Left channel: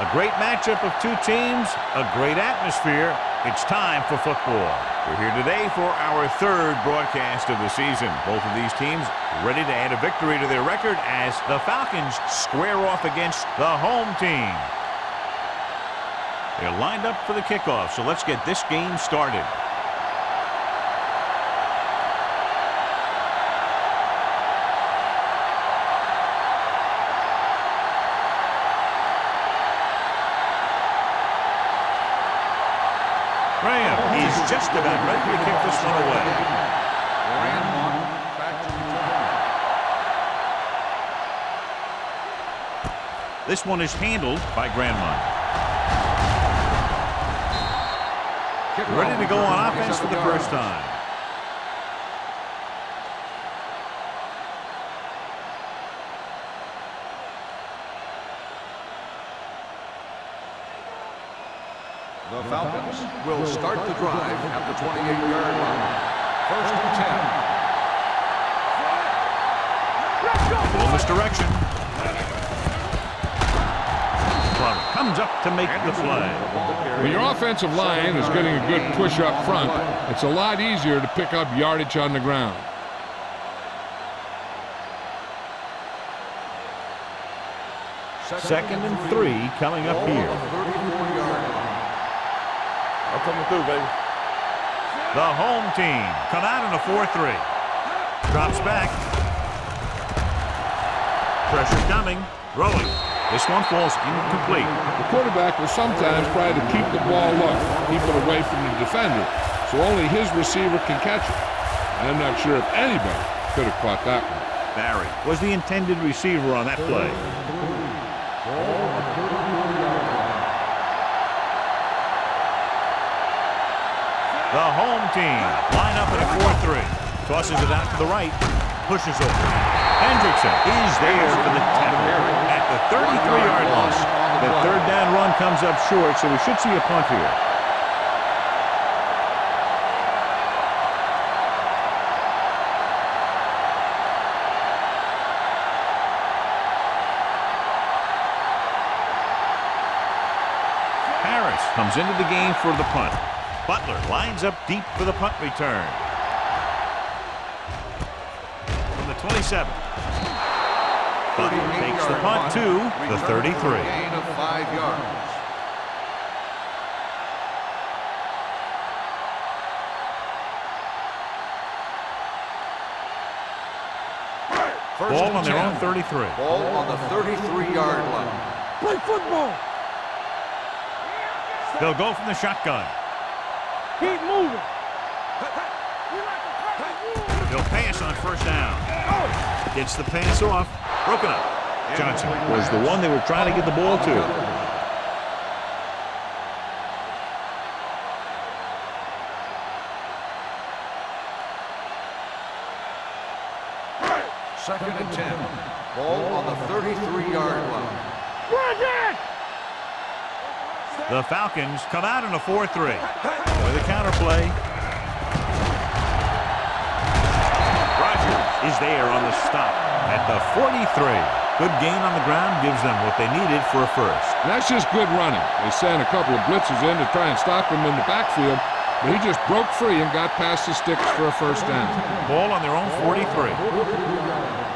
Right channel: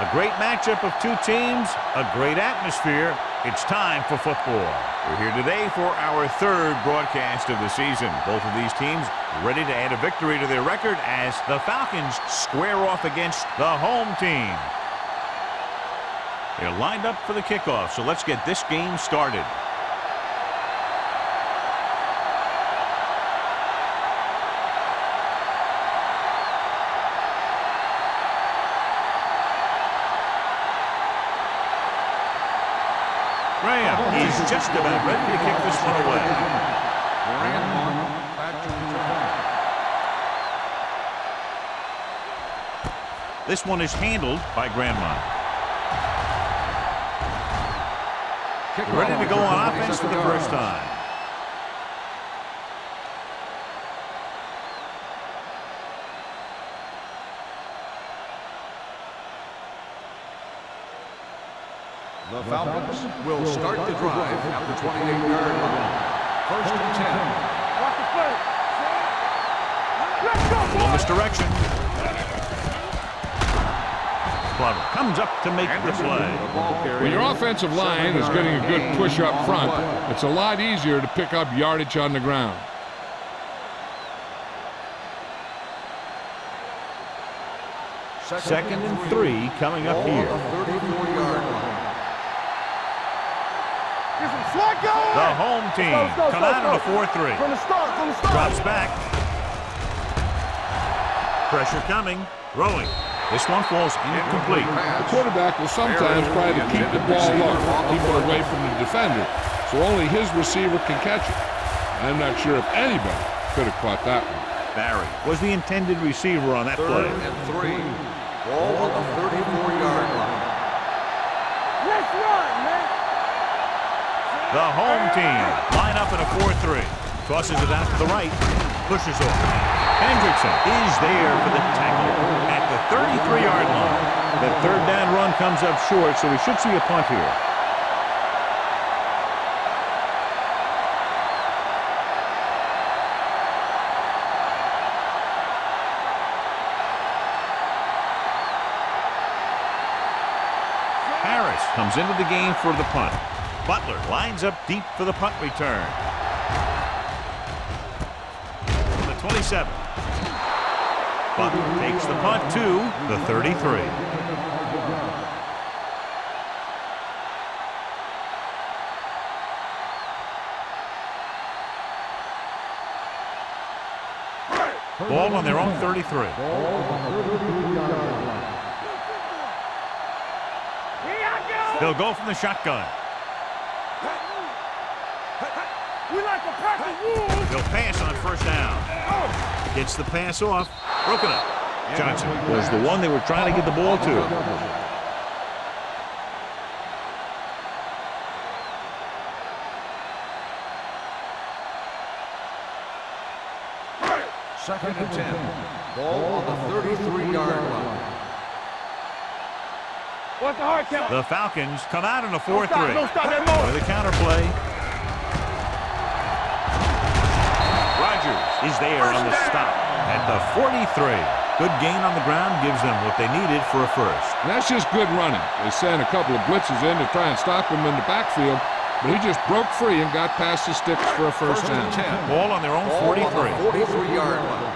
A great matchup of two teams, a great atmosphere. It's time for football. We're here today for our third broadcast of the season. Both of these teams ready to add a victory to their record as the Falcons square off against the home team. They're lined up for the kickoff, so let's get this game started. Graham is just about ready to kick this one away. Back to return. This one is handled by Grandmont. Ready to go on offense for the first time. The Falcons will start the drive at the 28-yard line. First and 10. A little misdirection. Glover comes up to make the play. When your offensive line is getting a good push up front, it's a lot easier to pick up yardage on the ground. Second and 3 coming up here. 34-yard line. The home team come out in a 4-3. Drops back. Pressure coming. Throwing. This one falls incomplete. The quarterback will sometimes try to keep the ball low, keep it away from the defender, so only his receiver can catch it. I'm not sure if anybody could have caught that one. Barry was the intended receiver on that play. Third and 3. Ball on the 34-yard line. The home team line up in a 4-3. Tosses it out to the right. Pushes off. Hendrickson is there for the tackle at the 33-yard line. That third down run comes up short, so we should see a punt here. Harris comes into the game for the punt. Butler lines up deep for the punt return. From the 27. Butler takes the punt to the 33. Gain of 5 yards. Ball on their own 33. Ball on the 33-yard line. Play football. They'll go from the shotgun. Keep moving. We like to practice rules. They'll pass on first down. Gets the pass off. Broken up. Johnson was the one they were trying to get the ball to. Second and 10. Ball on the 33-yard line. The Falcons come out in a 4-3. With a counter play. Rogers is there on the stop at the 43. Good gain on the ground gives them what they needed for a first. And that's just good running. They sent a couple of blitzes in to try and stop him in the backfield, but he just broke free and got past the sticks for a first down. Ball on their own 43. 43-yard line.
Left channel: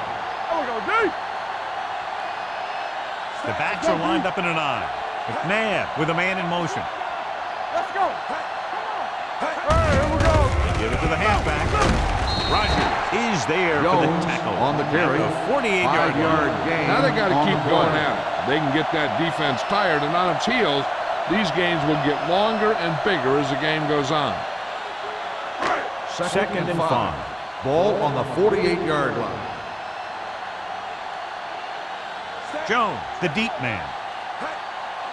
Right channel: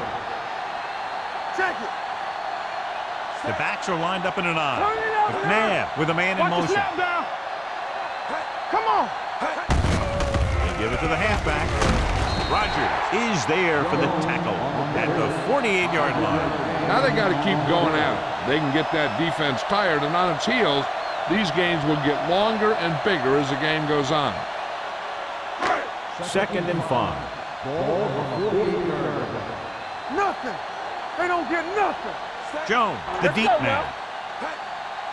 The backs are lined up in an I. McNabb with a man in motion. Let's go. Come on. They give it to the halfback. Rogers is there for the tackle at the 48-yard line. Now they got to keep going at it. They can get that defense tired and on its heels. These games will get longer and bigger as the game goes on. Second and 5. Ball on the 48-yard line. Nothing. They don't get nothing. Jones, the deep man.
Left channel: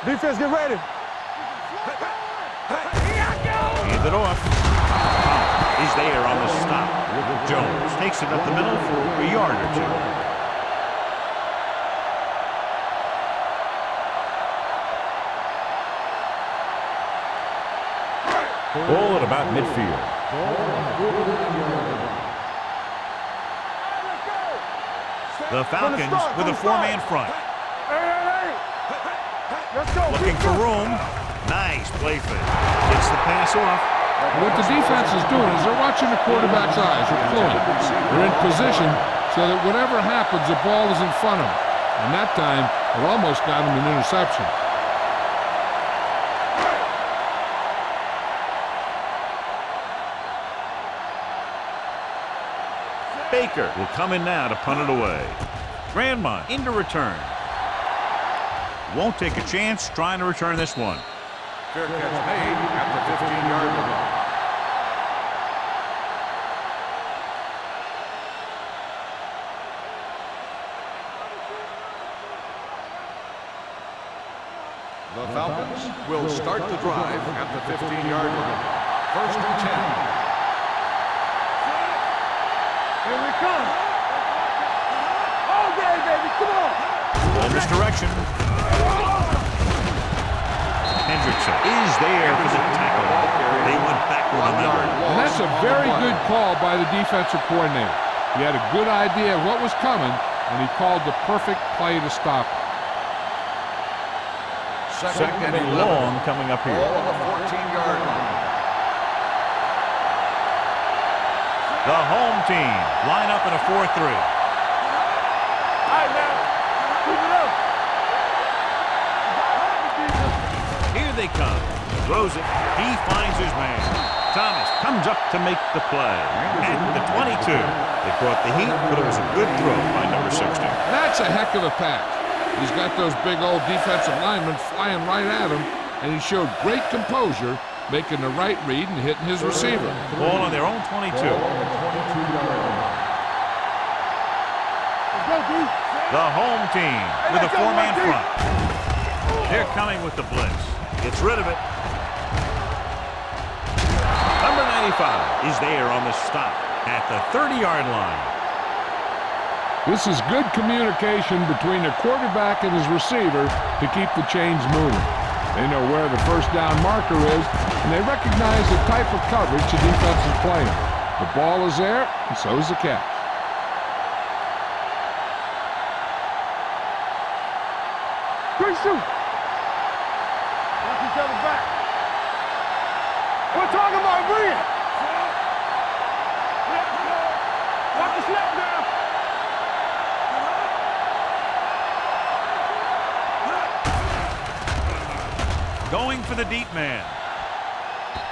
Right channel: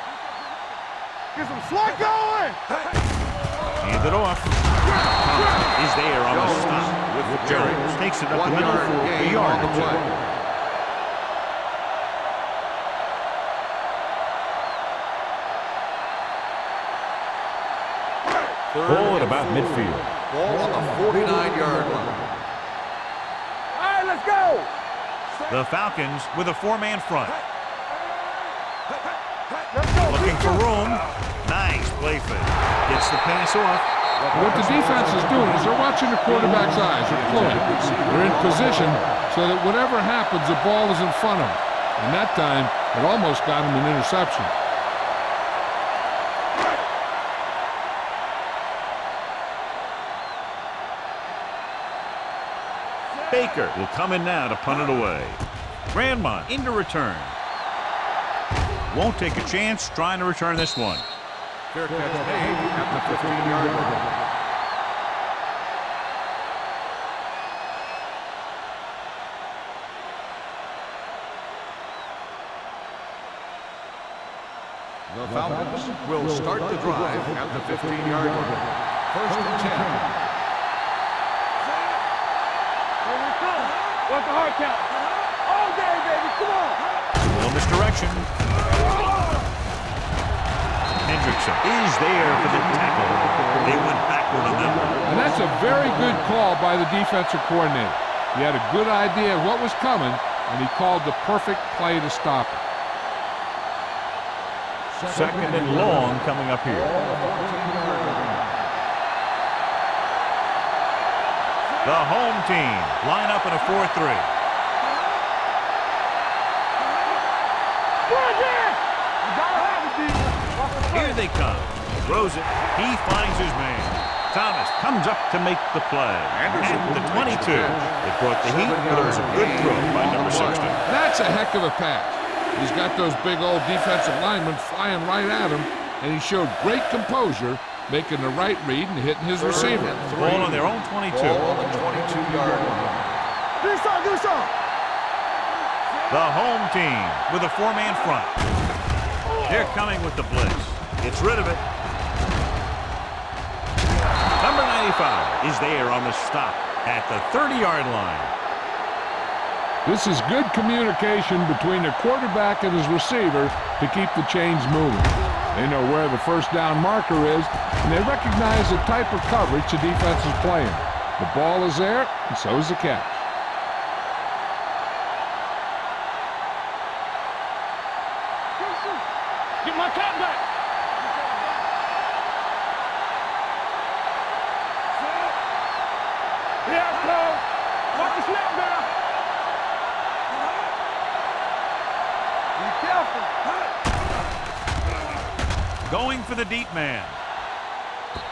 Defense, get ready. Get some slot going. Hand it off. Thomas is there on the stop. Jones takes it up the middle for a yard or two. Ball at about midfield. Ball on the 49-yard line. All right, let's go. The Falcons with a four-man front. Let's go. Looking for room. Nice play fake. Gets the pass off. What the defense is doing is they're watching the quarterback's eyes. They're pulling. They're in position so that whatever happens, the ball is in front of them. And that time, it almost got him an interception. Baker will come in now to punt it away. Grandma into return. Won't take a chance trying to return this one. Fair catch made at the 15-yard line. The Falcons will start the drive at the 15-yard line. First and 10. Here we come. All day, baby. Come on. Little misdirection. Hendrickson is there for the tackle. They went backward on that one. And that's a very good call by the defensive coordinator. He had a good idea of what was coming, and he called the perfect play to stop it. Second and long coming up here. Ball on the 14-yard line. The home team line up in a 4-3. Here they come. Throws it. He finds his man. Thomas comes up to make the play. At the 22. It brought the heat, but it was a good throw by number 60. That's a heck of a pass. He's got those big old defensive linemen flying right at him, and he showed great composure, making the right read and hitting his receiver. Ball on their own 22. The home team with a four-man front. They're coming with the blitz. Gets rid of it. Number 95 is there on the stop at the 30-yard line. This is good communication between the quarterback and his receiver to keep the chains moving. They know where the first down marker is, and they recognize the type of coverage the defense is playing. The ball is there, and so is the catch. Quick shoot. Get my cat back. Watch each other back. We're talking about bring it. Yeah, go. Watch the snap now. Going for the deep man.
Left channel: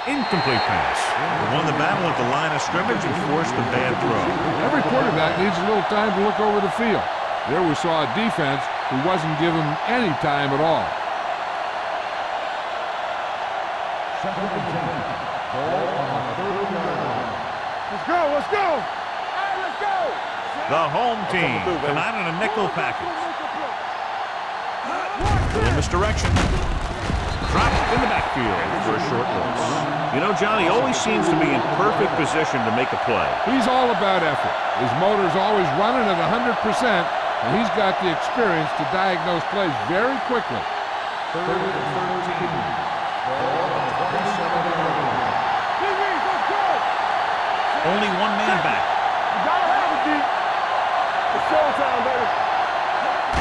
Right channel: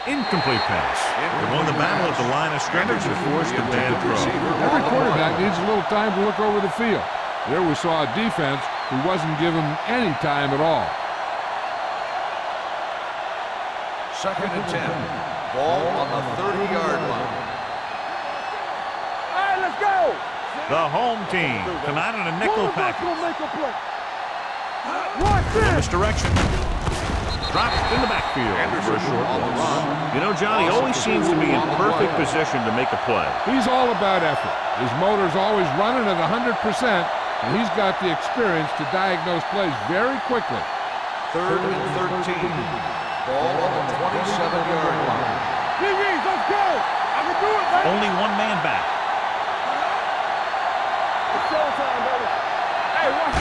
Incomplete pass. They won the battle at the line of scrimmage and forced a bad throw. Every quarterback needs a little time to look over the field. There we saw a defense who wasn't given any time at all. Second and 10. Ball on the 30-yard line. Let's go. Let's go. All right, let's go. The home team come out in a nickel package. Little misdirection. Dropped in the backfield for a short loss. You know, Johnny always seems to be in perfect position to make a play. He's all about effort. His motor's always running at 100%, and he's got the experience to diagnose plays very quickly. Third and 13. Ball on the 27-yard line. Let's go. Only one man back. It's showtime, baby.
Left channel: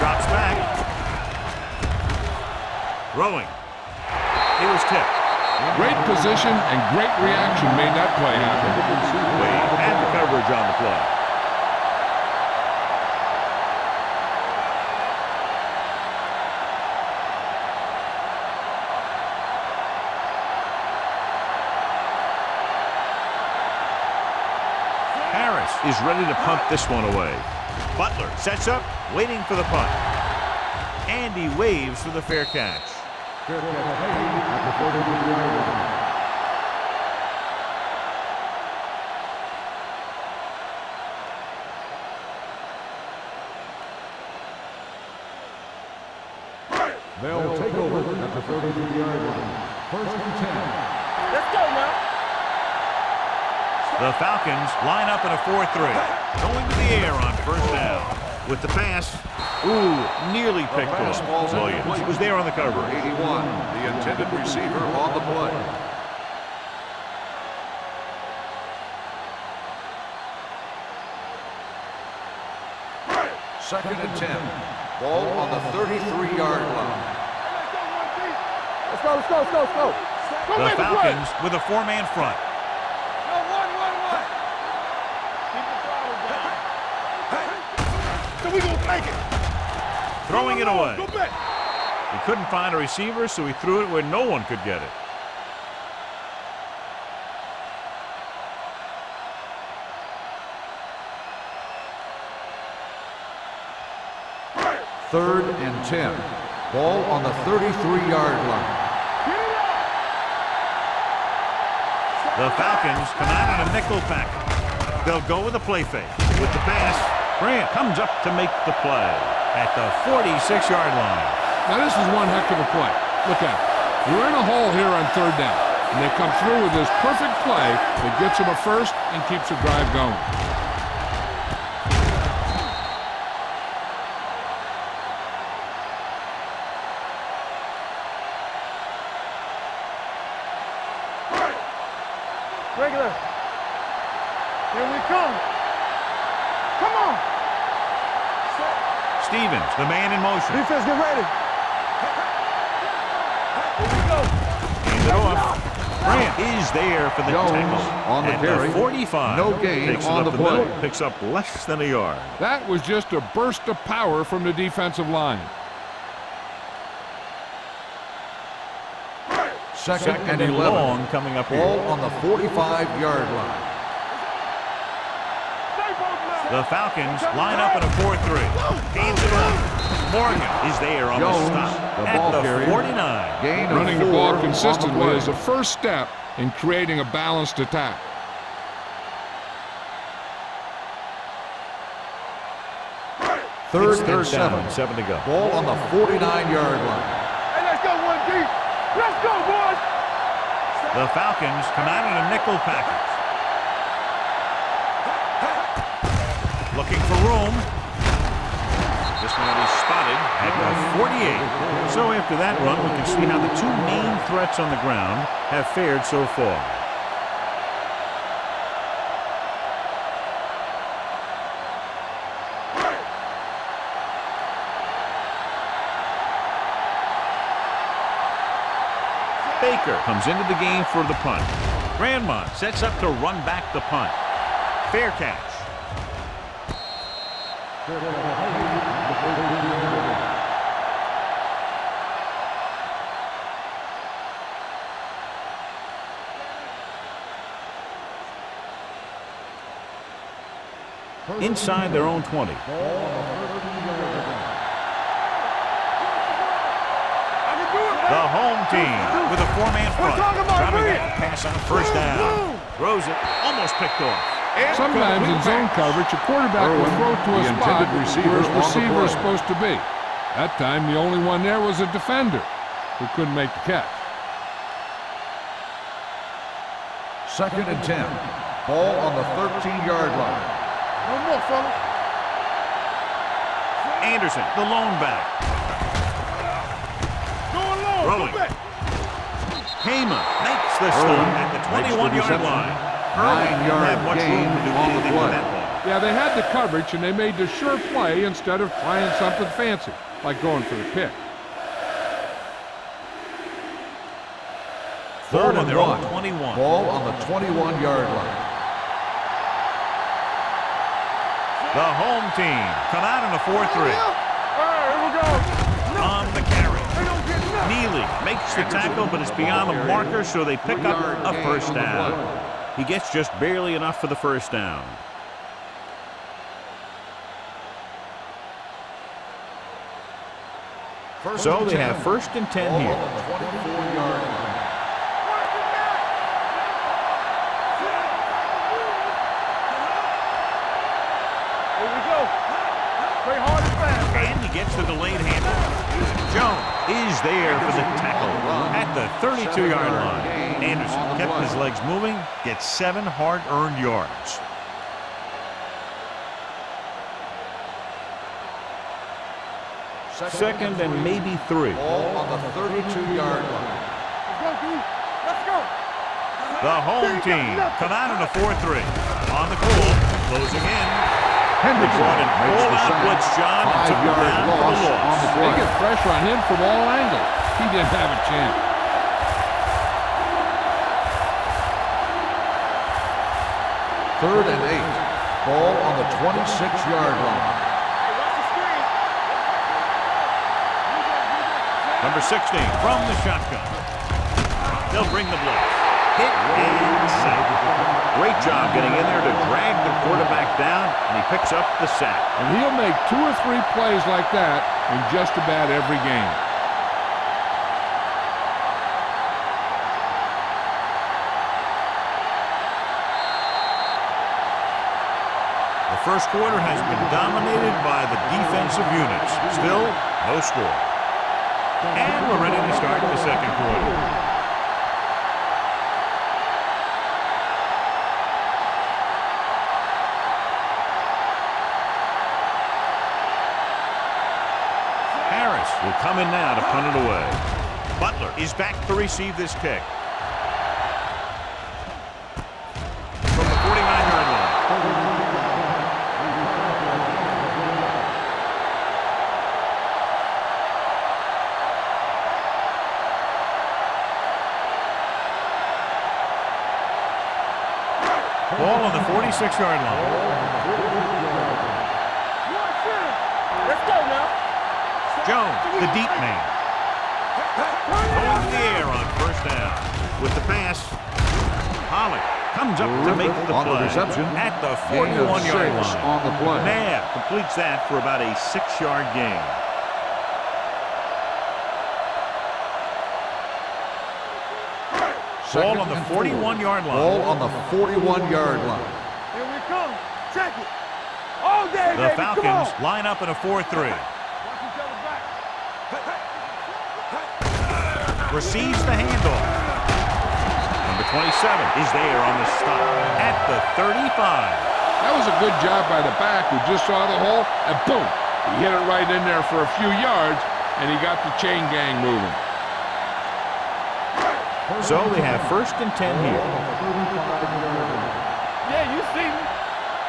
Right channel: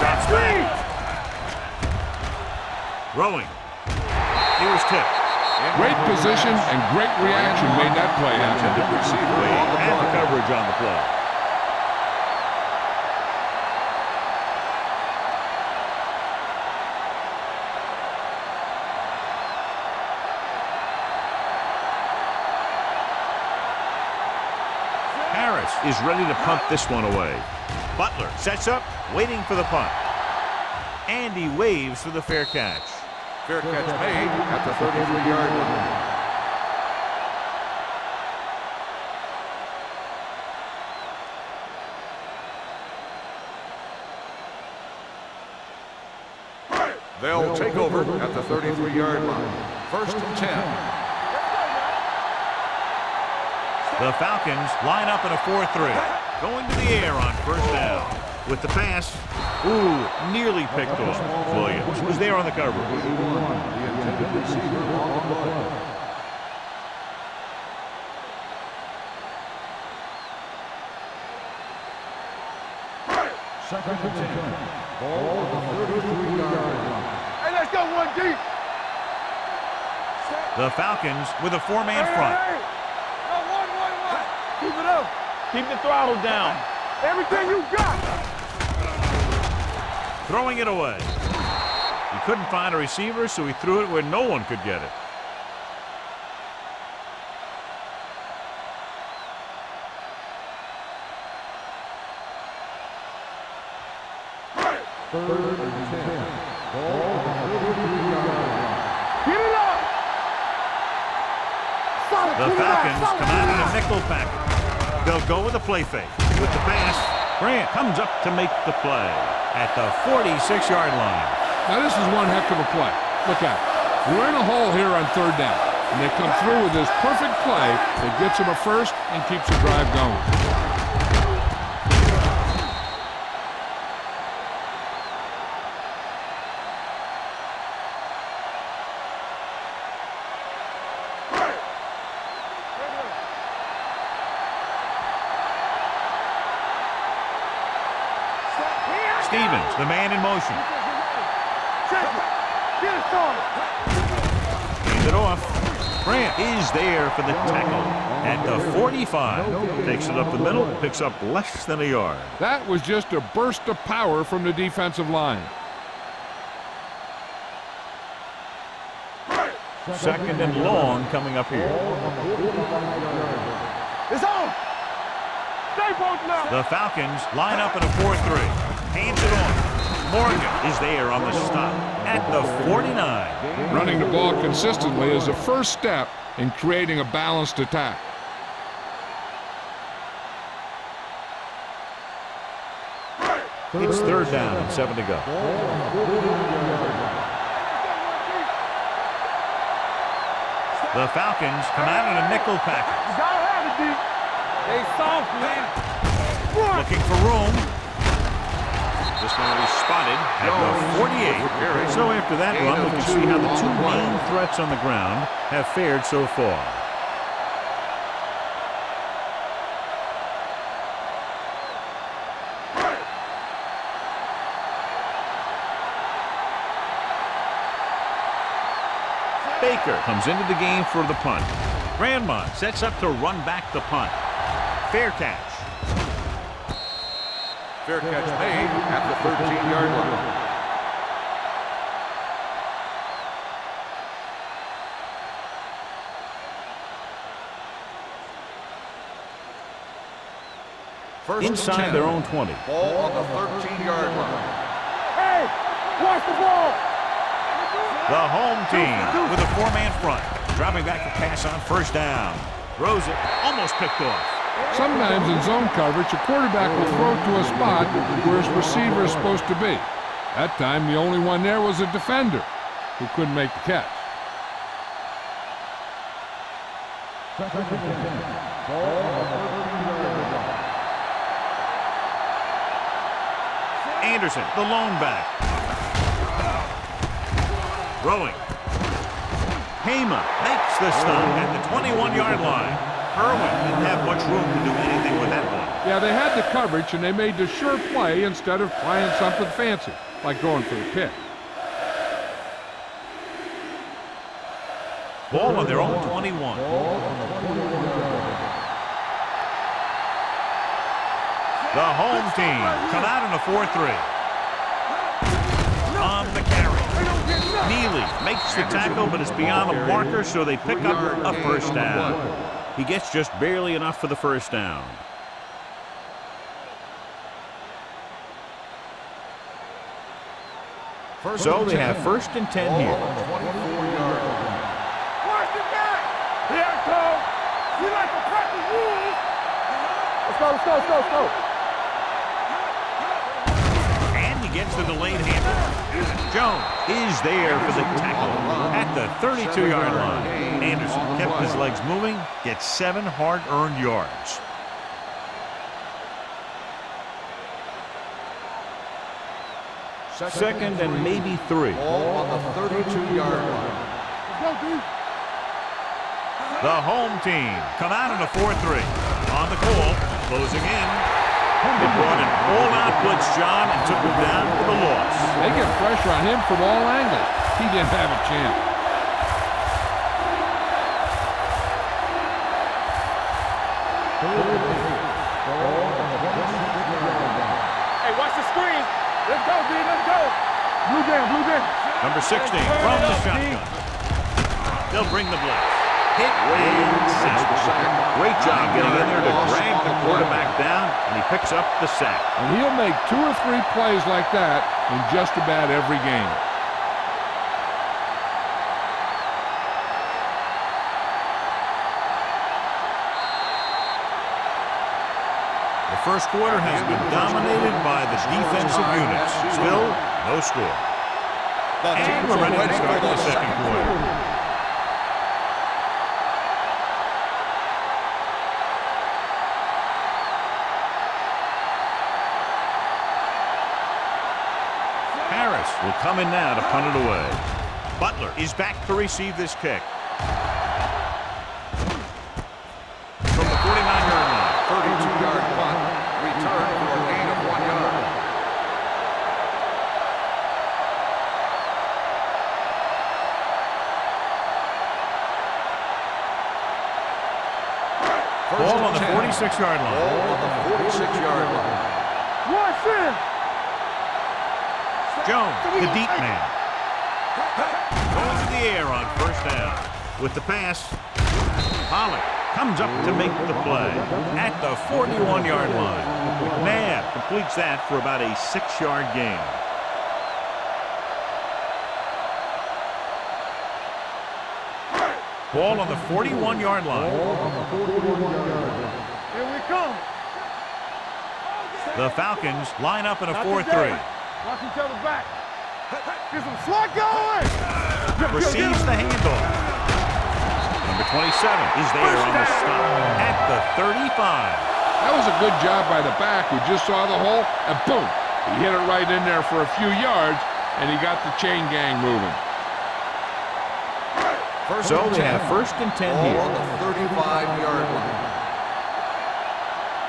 Drops back. Throwing. He was tipped. Great position and great reaction made that play happen. Wade had the coverage on the play. Harris is ready to punt this one away. Butler sets up, waiting for the punt. And he waves for the fair catch. Fair catch made at the 33-yard line. They'll take over at the 33-yard line. First and 10. Let's go now. The Falcons line up in a 4-3. Going to the air on first down. With the pass, nearly picked off. Williams was there on the cover. 81, the intended receiver on the play. Second and 10. Ball on the 33-yard line. Hey, let's Let's go one deep. Let's go, let's go, let's go, let's go. The Falcons with a four-man front. No, one. Keep it up. Keep the throttle down. Everything you got. So we gonna make it. Throwing it away. He couldn't find a receiver, so he threw it where no one could get it. Third and 10. Ball on the 33-yard line. Get it up. The Falcons come out in a nickel package. They'll go with a play fake. With the pass, Grant comes up to make the play at the 46-yard line. Now, this is one heck of a play. Look at it. You're in a hole here on third down, and they come through with this perfect play that gets them a first and keeps the drive going. Regular. Here we come. Come on. Set. Stevens, the man in motion. Defense, get ready. Set. Get it started. Hands it off. Grant is there for the Jones tackle on the at carry. the 45. No gain Takes it on up the the middle, play. picks up less than a yard. That was just a burst of power from the defensive line. Second and long coming up Ball here. on the 45-yard line. It's on. Stay both now. The Falcons line up in a 4-3. Hands it off. Morgan is there on the Jones, stop the at ball the carrier. 49. Gain of Running the 4 ball on consistently the is play. the first step in creating a balanced attack. It's third down and 7 to go. Ball on the 49-yard line. Hey, let's go one deep. Let's go, boys. The Falcons come out in a nickel package. Gotta have it deep. They soft, man. Looking for room. This one will be spotted at the 48. So after that run, we can see how the two main threats on the ground have fared so far. Baker comes into the game for the punt. Grandmont sets up to run back the punt. Fair catch. Fair catch made at the 13-yard line. First and Inside 10. their own 20. Ball on the 13-yard line. Hey, watch the ball. I can do it. The home team with a four-man front. Dropping back to pass on first down. Throws it, almost picked off. Sometimes in zone coverage, a quarterback will throw to a spot where his receiver is supposed to be. That time, the only one there was a defender who couldn't make the catch. Second and 10. Ball on the 13-yard line. One more, fella. Anderson, the lone back. Throwing. Heyman makes the stop at the 21-yard line. Irwin didn't have much room to do anything with that one. Yeah, they had the coverage, and they made the sure play instead of trying something fancy, like going for the pick. Ball on their own 21. Ball on the 21-yard line. The home team come out in a 4-3. On the carry. Neely makes the tackle, but it's beyond the marker, so they pick up a first down. He gets just barely enough for the first down. So they have first and 10 Ball here. on the 24-yard line. Watch it back. Here it comes. We like to practice rules. Let's go. Here we go. Play hard and fast. And he gets the delayed handle. Jones is there for the tackle at the 32-yard line. Anderson kept his legs moving, gets 7 hard-earned yards. Second and maybe 3. Ball on the 32-yard line. Let's go, dude. Let's go. The home team come out in a 4-3. On the call, closing in. They brought an all-out blitz, John, and took him down for the loss. They get pressure on him from all angles. he didn't have a chance. Third and 8. Ball on the 26-yard line. Hey, watch the screen. Let's go, D. Let's go. Blue jam, blue jam. Number 16 from the shotgun. They'll bring the blitz. Hit and sack. Great job getting in there to drag the quarterback down, and he picks up the sack. And he'll make 2 or 3 plays like that in just about every game. The first quarter has been dominated by the defensive units. Still, no score. And we're ready to start the second quarter. Harris will come in now to punt it away. Butler is back to receive this kick. From the 49-yard line. 32-yard punt. Return for a gain of 1 yard. Ball on the 46-yard line. Ball on the 46-yard line. Watch in. Let's go now. Jones, the deep man. Going to the air on first down. With the pass, Pollock comes up to make the play at the 41-yard line. McNabb completes that for about a 6-yard gain. Ball on the 41-yard line. Ball on the 41-yard line. Here we come. Check it. All day, The baby. Falcons Come on. line up in a 4-3. Watch each other back. Hey, get some slot going. Receives the handoff. Number 27 is there on the stop at the 35. That was a good job by the back who just saw the hole, and boom, he hit it right in there for a few yards, and he got the chain gang moving. So they have 1st and 10 here. On the 35-yard line. Yeah, you see me.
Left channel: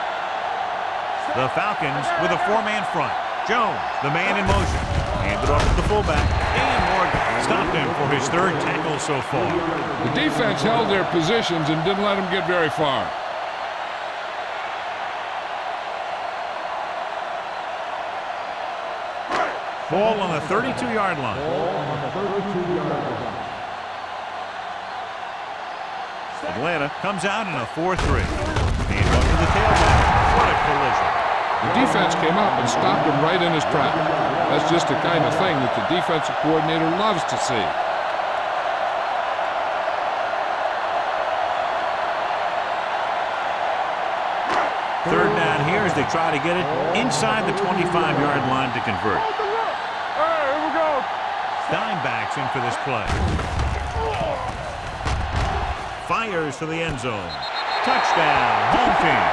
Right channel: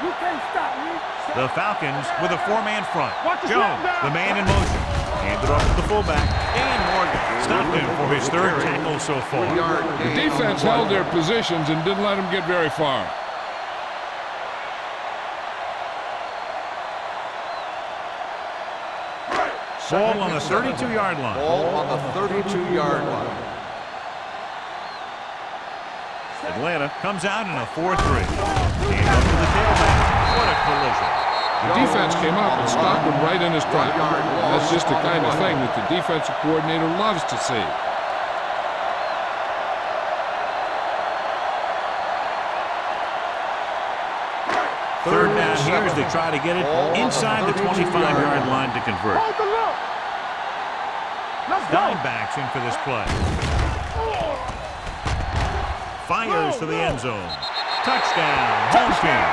You can't stop me. The Falcons with a 4-man front. Jones, the man in motion. Handed off to the fullback. Dan Morgan stopped him for his 3rd tackle so far. The defense held their positions and didn't let them get very far. Ball on the 32-yard line. Ball on the 32-yard line. Atlanta comes out in a 4-3. Hand off to the tailback. What a collision. The defense came up and stopped him right in his track. That's just the kind of thing that the defensive coordinator loves to see. Third down here as they try to get it inside the 25-yard line to convert. Hold the look. All right, here we go. Let's go. Dimebacks in for this play. Fires to the end zone. Touchdown, home team.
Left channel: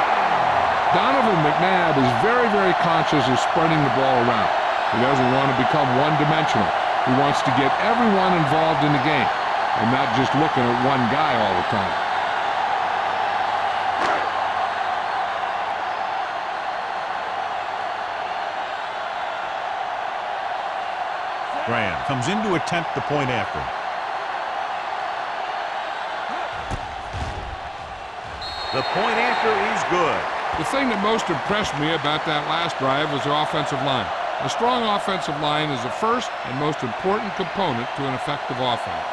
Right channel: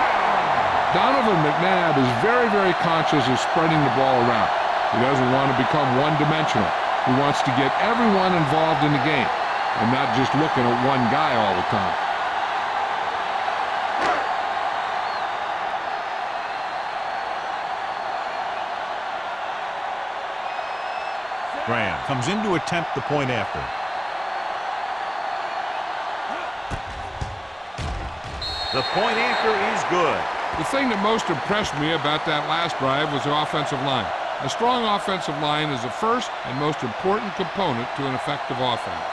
Donovan McNabb is very, very conscious of spreading the ball around. He doesn't want to become one-dimensional. He wants to get everyone involved in the game and not just looking at one guy all the time. Graham comes in to attempt the point after. The point after is good. The thing that most impressed me about that last drive was the offensive line. A strong offensive line is the first and most important component to an effective offense.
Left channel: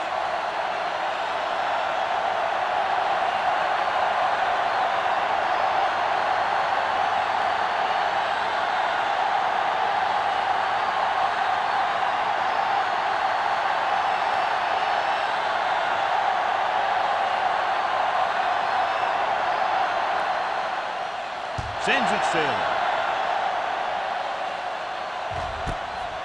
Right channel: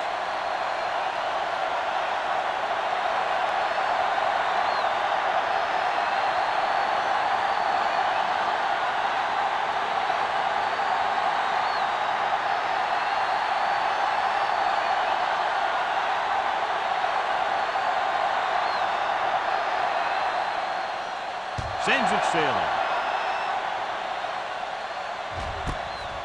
Sends it sailing.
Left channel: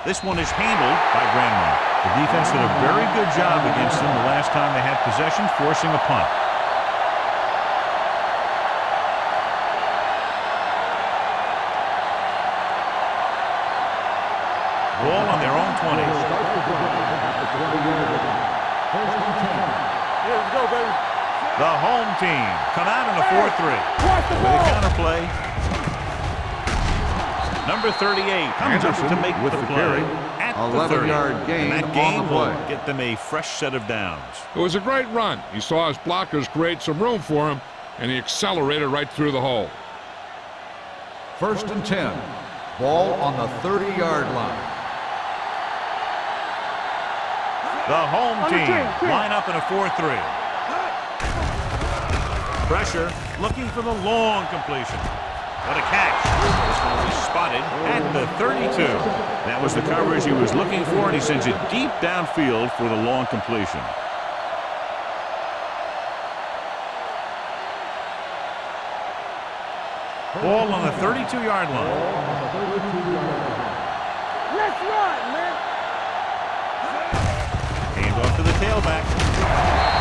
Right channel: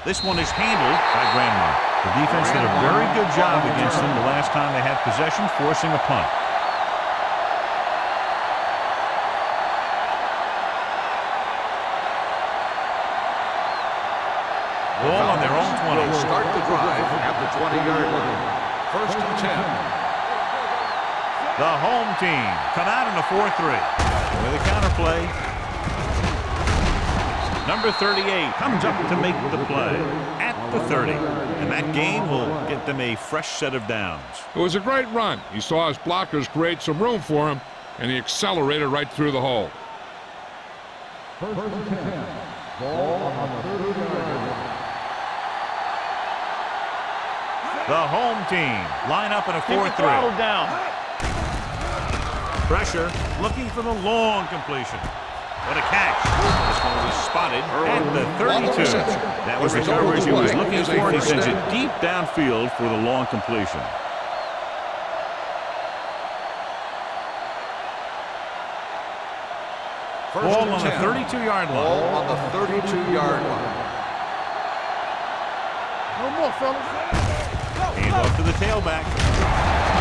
This one is handled by Grandma. The defense did a very good job against them the last time they had possession, forcing a punt. Ball on their own 20. Start the drive at the 20-yard line. 1st and 10. Let's go, baby. The home team come out in a 4-3. With a counter play. Number 38 comes up to make the play at the 30. And that gain will get them a fresh set of downs. It was a great run. He saw his blockers create some room for him, and he accelerated right through the hole. 1st and 10. Ball on the 30-yard line. The home team line up in a 4-3. Pressure, looking for the long completion. What a catch. This one will be spotted at the 32. That was the coverage he was looking for, and he sends it deep downfield for the long completion. Ball on the 32-yard line. Ball on the 32-yard line. Let's run, man. No more, fellas. Hand off to the tailback.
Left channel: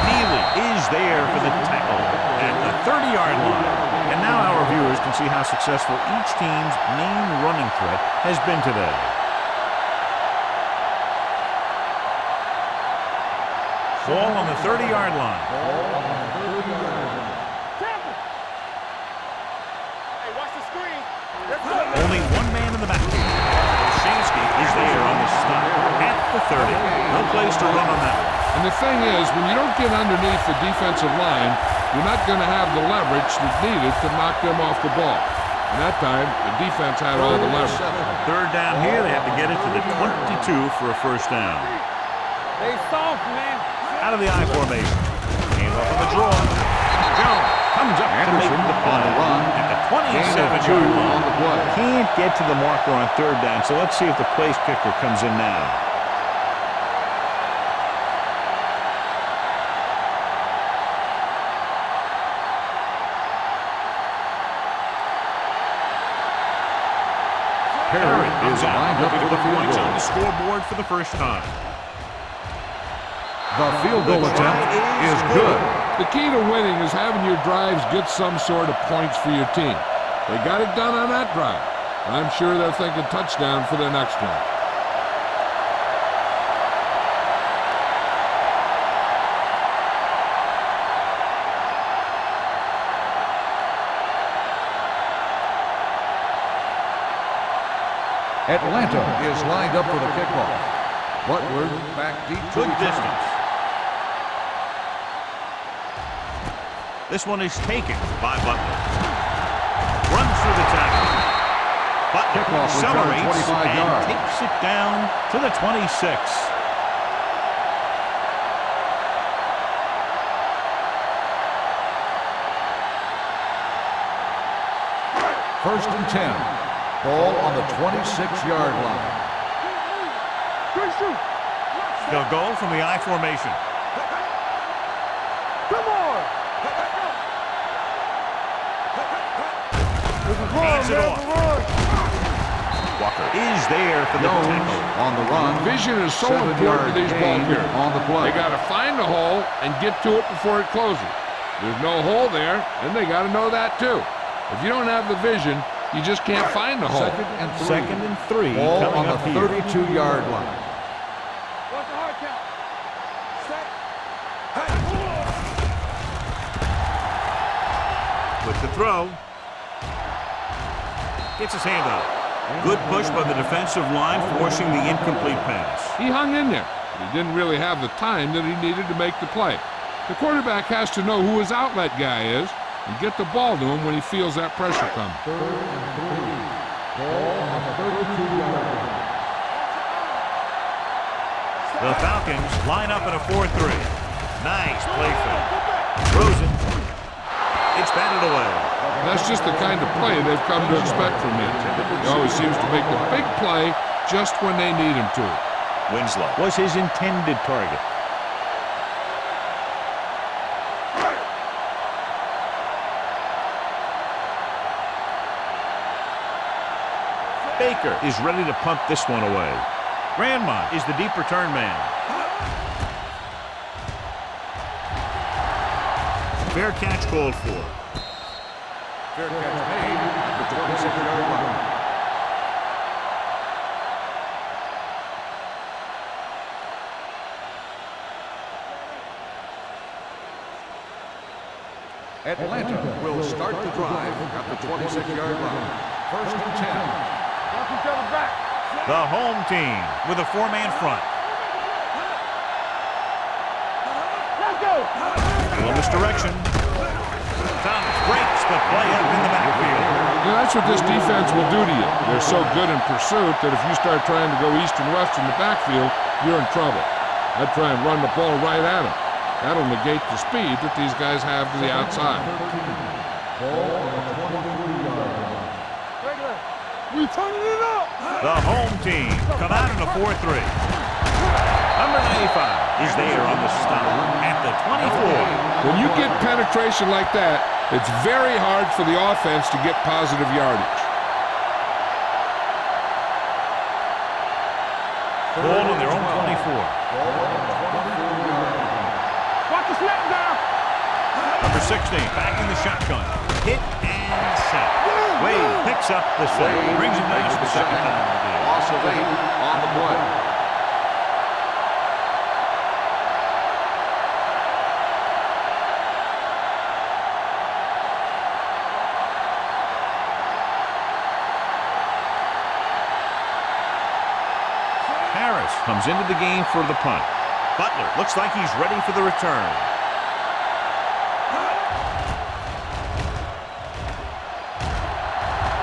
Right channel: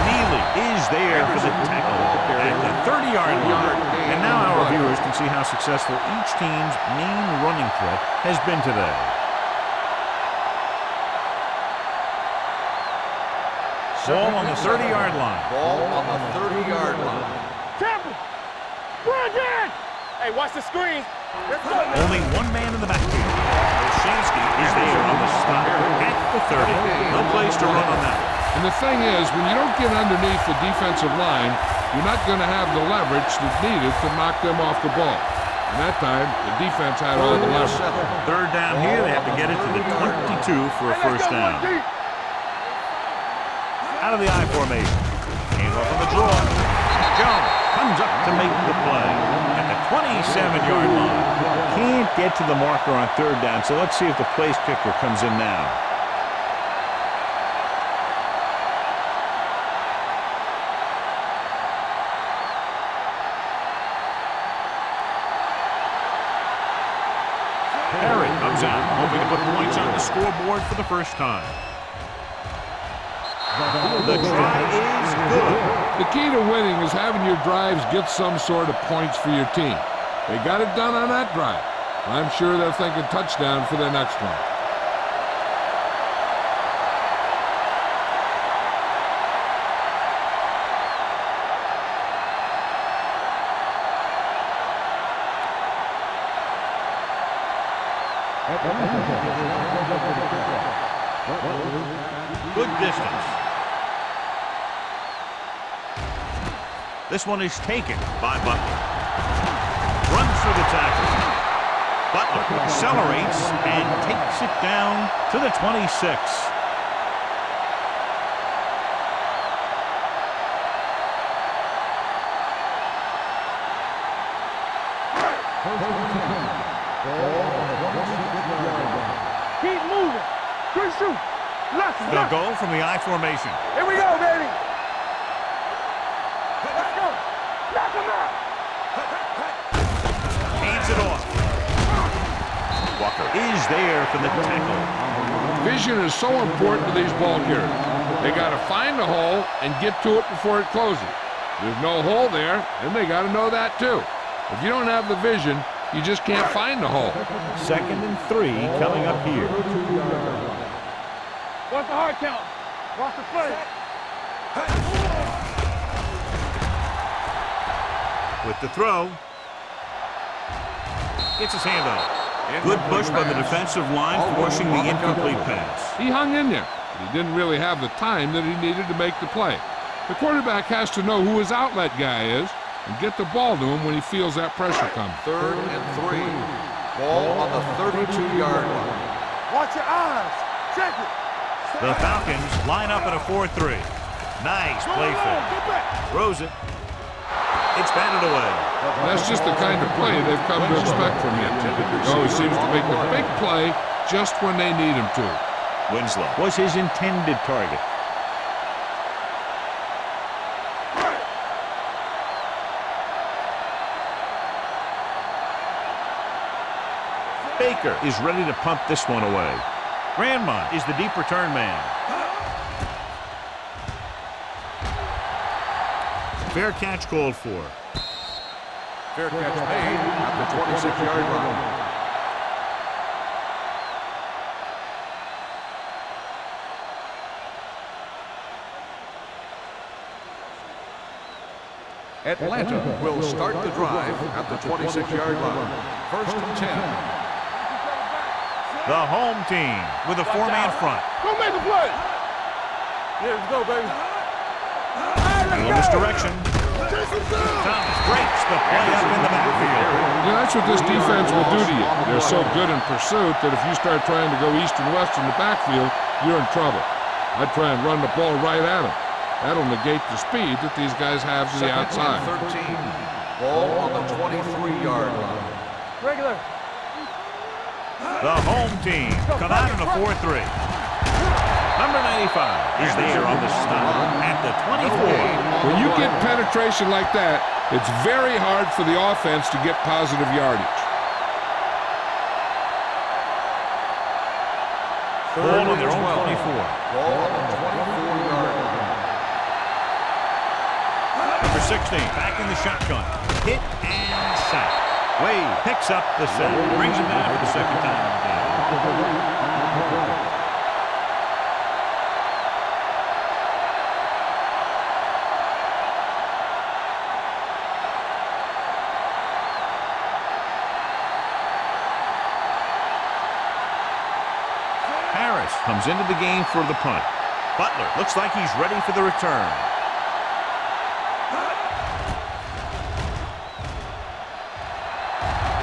Neely is there for the tackle at the 30-yard line. And now our viewers can see how successful each team's main running threat has been today. Ball on the 30-yard line. Ball on the 30-yard line. Temple. Run again. Hey, watch the screen. Only one man in the backfield. Oshansky is there on the stop at the 30. No place to run on that one. And the thing is, when you don't get underneath the defensive line, you're not going to have the leverage that's needed to knock them off the ball. And that time, the defense had all the leverage. 3rd down here, they have to get it to the 22 for a first down. Out of the I formation. Hand off on the draw. Jones comes up to make the play at the 27-yard line. Can't get to the marker on 3rd down, so let's see if the place kicker comes in now. Perry comes out, hoping to put points on the scoreboard for the first time. The try is good. The key to winning is having your drives get some sort of points for your team. They got it done on that drive. And I'm sure they're thinking touchdown for their next one. Atlanta is lined up for the kickoff. Butler back deep. Good distance. This one is taken by Butler. Runs through the tackle. Butler accelerates and takes it down to the 26. 1st and 10. Ball on the 26-yard line. Keep moving. Good shoot. Left. They'll go from the I formation. Here we go, baby. Come on. Let's go. Hands it off. Walker is there for the tackle. On the run. Vision is so important to these ball carriers. They got to find the hole and get to it before it closes. There's no hole there, and they got to know that too. If you don't have the vision, you just can't find the hole. 2nd and 3 coming up here. 32-yard line. Watch the hard count. Watch the foot. With the throw. Gets his hand up. Good push by the defensive line, forcing the incomplete pass. He hung in there, but he didn't really have the time that he needed to make the play. The quarterback has to know who his outlet guy is and get the ball to him when he feels that pressure coming. 3rd and 3. Ball on the 32-yard line. Watch your eyes. Check it. The Falcons line up in a 4-3. Nice play fake. Throws it. It's batted away. That's just the kind of play they've come to expect from him. He always seems to make the big play just when they need him to. Winslow was his intended target. Baker is ready to punt this one away. Grandmont is the deep return man. Fair catch called for. Fair catch made at the 26-yard line. Atlanta will start the drive at the 26-yard line. 1st and 10. Watch each other back. The home team with a four-man front. Go make the play. Yeah, let's go, baby. Let's go. A little misdirection. Thomas breaks the play up in the backfield. You know, that's what this defense will do to you. They're so good in pursuit that if you start trying to go east and west in the backfield, you're in trouble. I'd try and run the ball right at them. That'll negate the speed that these guys have to the outside. 13. Ball on the 23-yard line. Regular. We turning it up. The home team come out in a 4-3. Number 95 is there on the stop at the 24. When you get penetration like that, it's very hard for the offense to get positive yardage. Ball on their own 24. Ball on the 24-yard line. Watch the snap down. Number 16 back in the shotgun. Hit and sack. Wade picks up the sack. Brings him down for the second time in the game. Loss of 8 on the play. Harris comes into the game for the punt. Butler looks like he's ready for the return.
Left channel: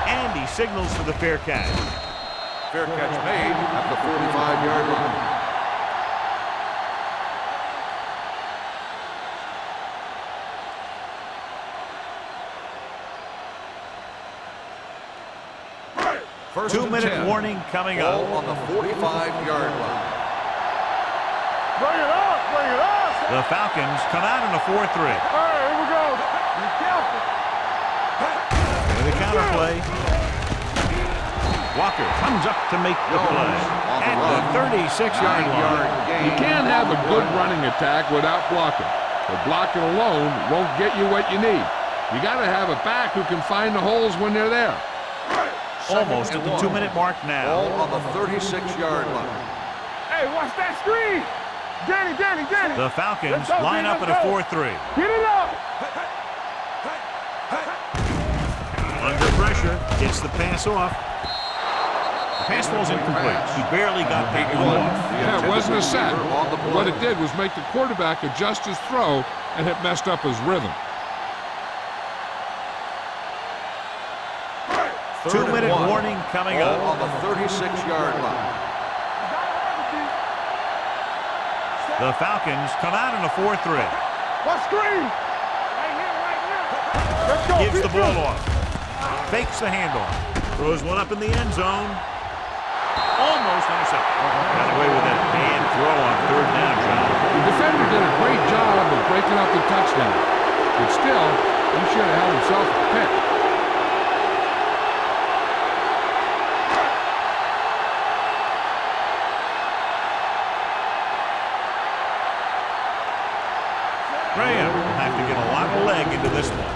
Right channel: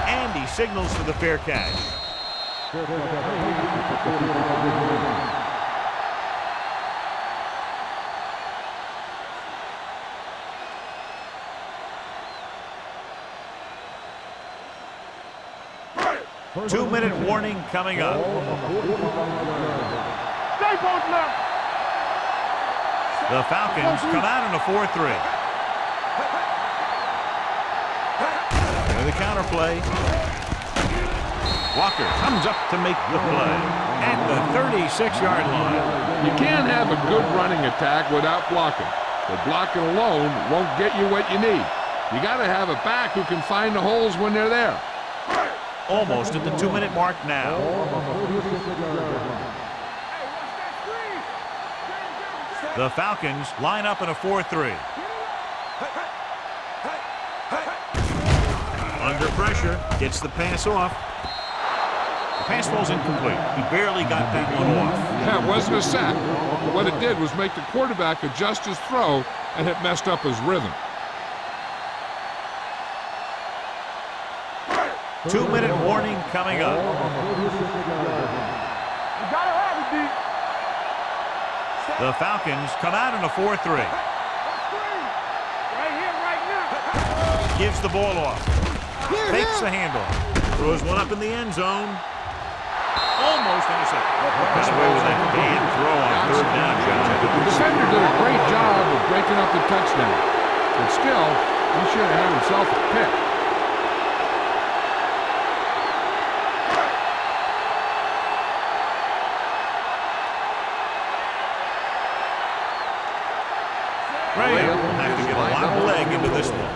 And he signals for the fair catch. Fair catch made at the 45-yard line. First 2-minute and 10. warning coming up. Ball on the 45-yard line. Stay close now. Bring it up. Bring it up. The Falcons come out in a 4-3. All right, here we go. Be careful. With a counterplay. Walker comes up to make the play at the 36-yard line. You can't have a good running attack without blocking, but blocking alone won't get you what you need. You got to have a back who can find the holes when they're there. Almost at the 2-minute mark now. Ball on the 36-yard line. Hey, watch that screen. Danny. The Falcons line up in a 4-3. Get it up. Under pressure, gets the pass off. The pass falls incomplete. He barely got that one off. Yeah, it wasn't a sack. What it did was make the quarterback adjust his throw, and it messed up his rhythm. 2-minute warning coming Ball up. on the 36-yard line. You gotta have it, D. The Falcons come out in a 4-3. What screen? Right here, right now. Gives the ball off. Fakes the handoff. Throws one up in the end zone. Almost intercepted. Got away with that bad throw on 3rd down, John. The defender did a great job of breaking up the touchdown, but still, he should have had himself a pick. Graham will have to get a lot of leg into this one.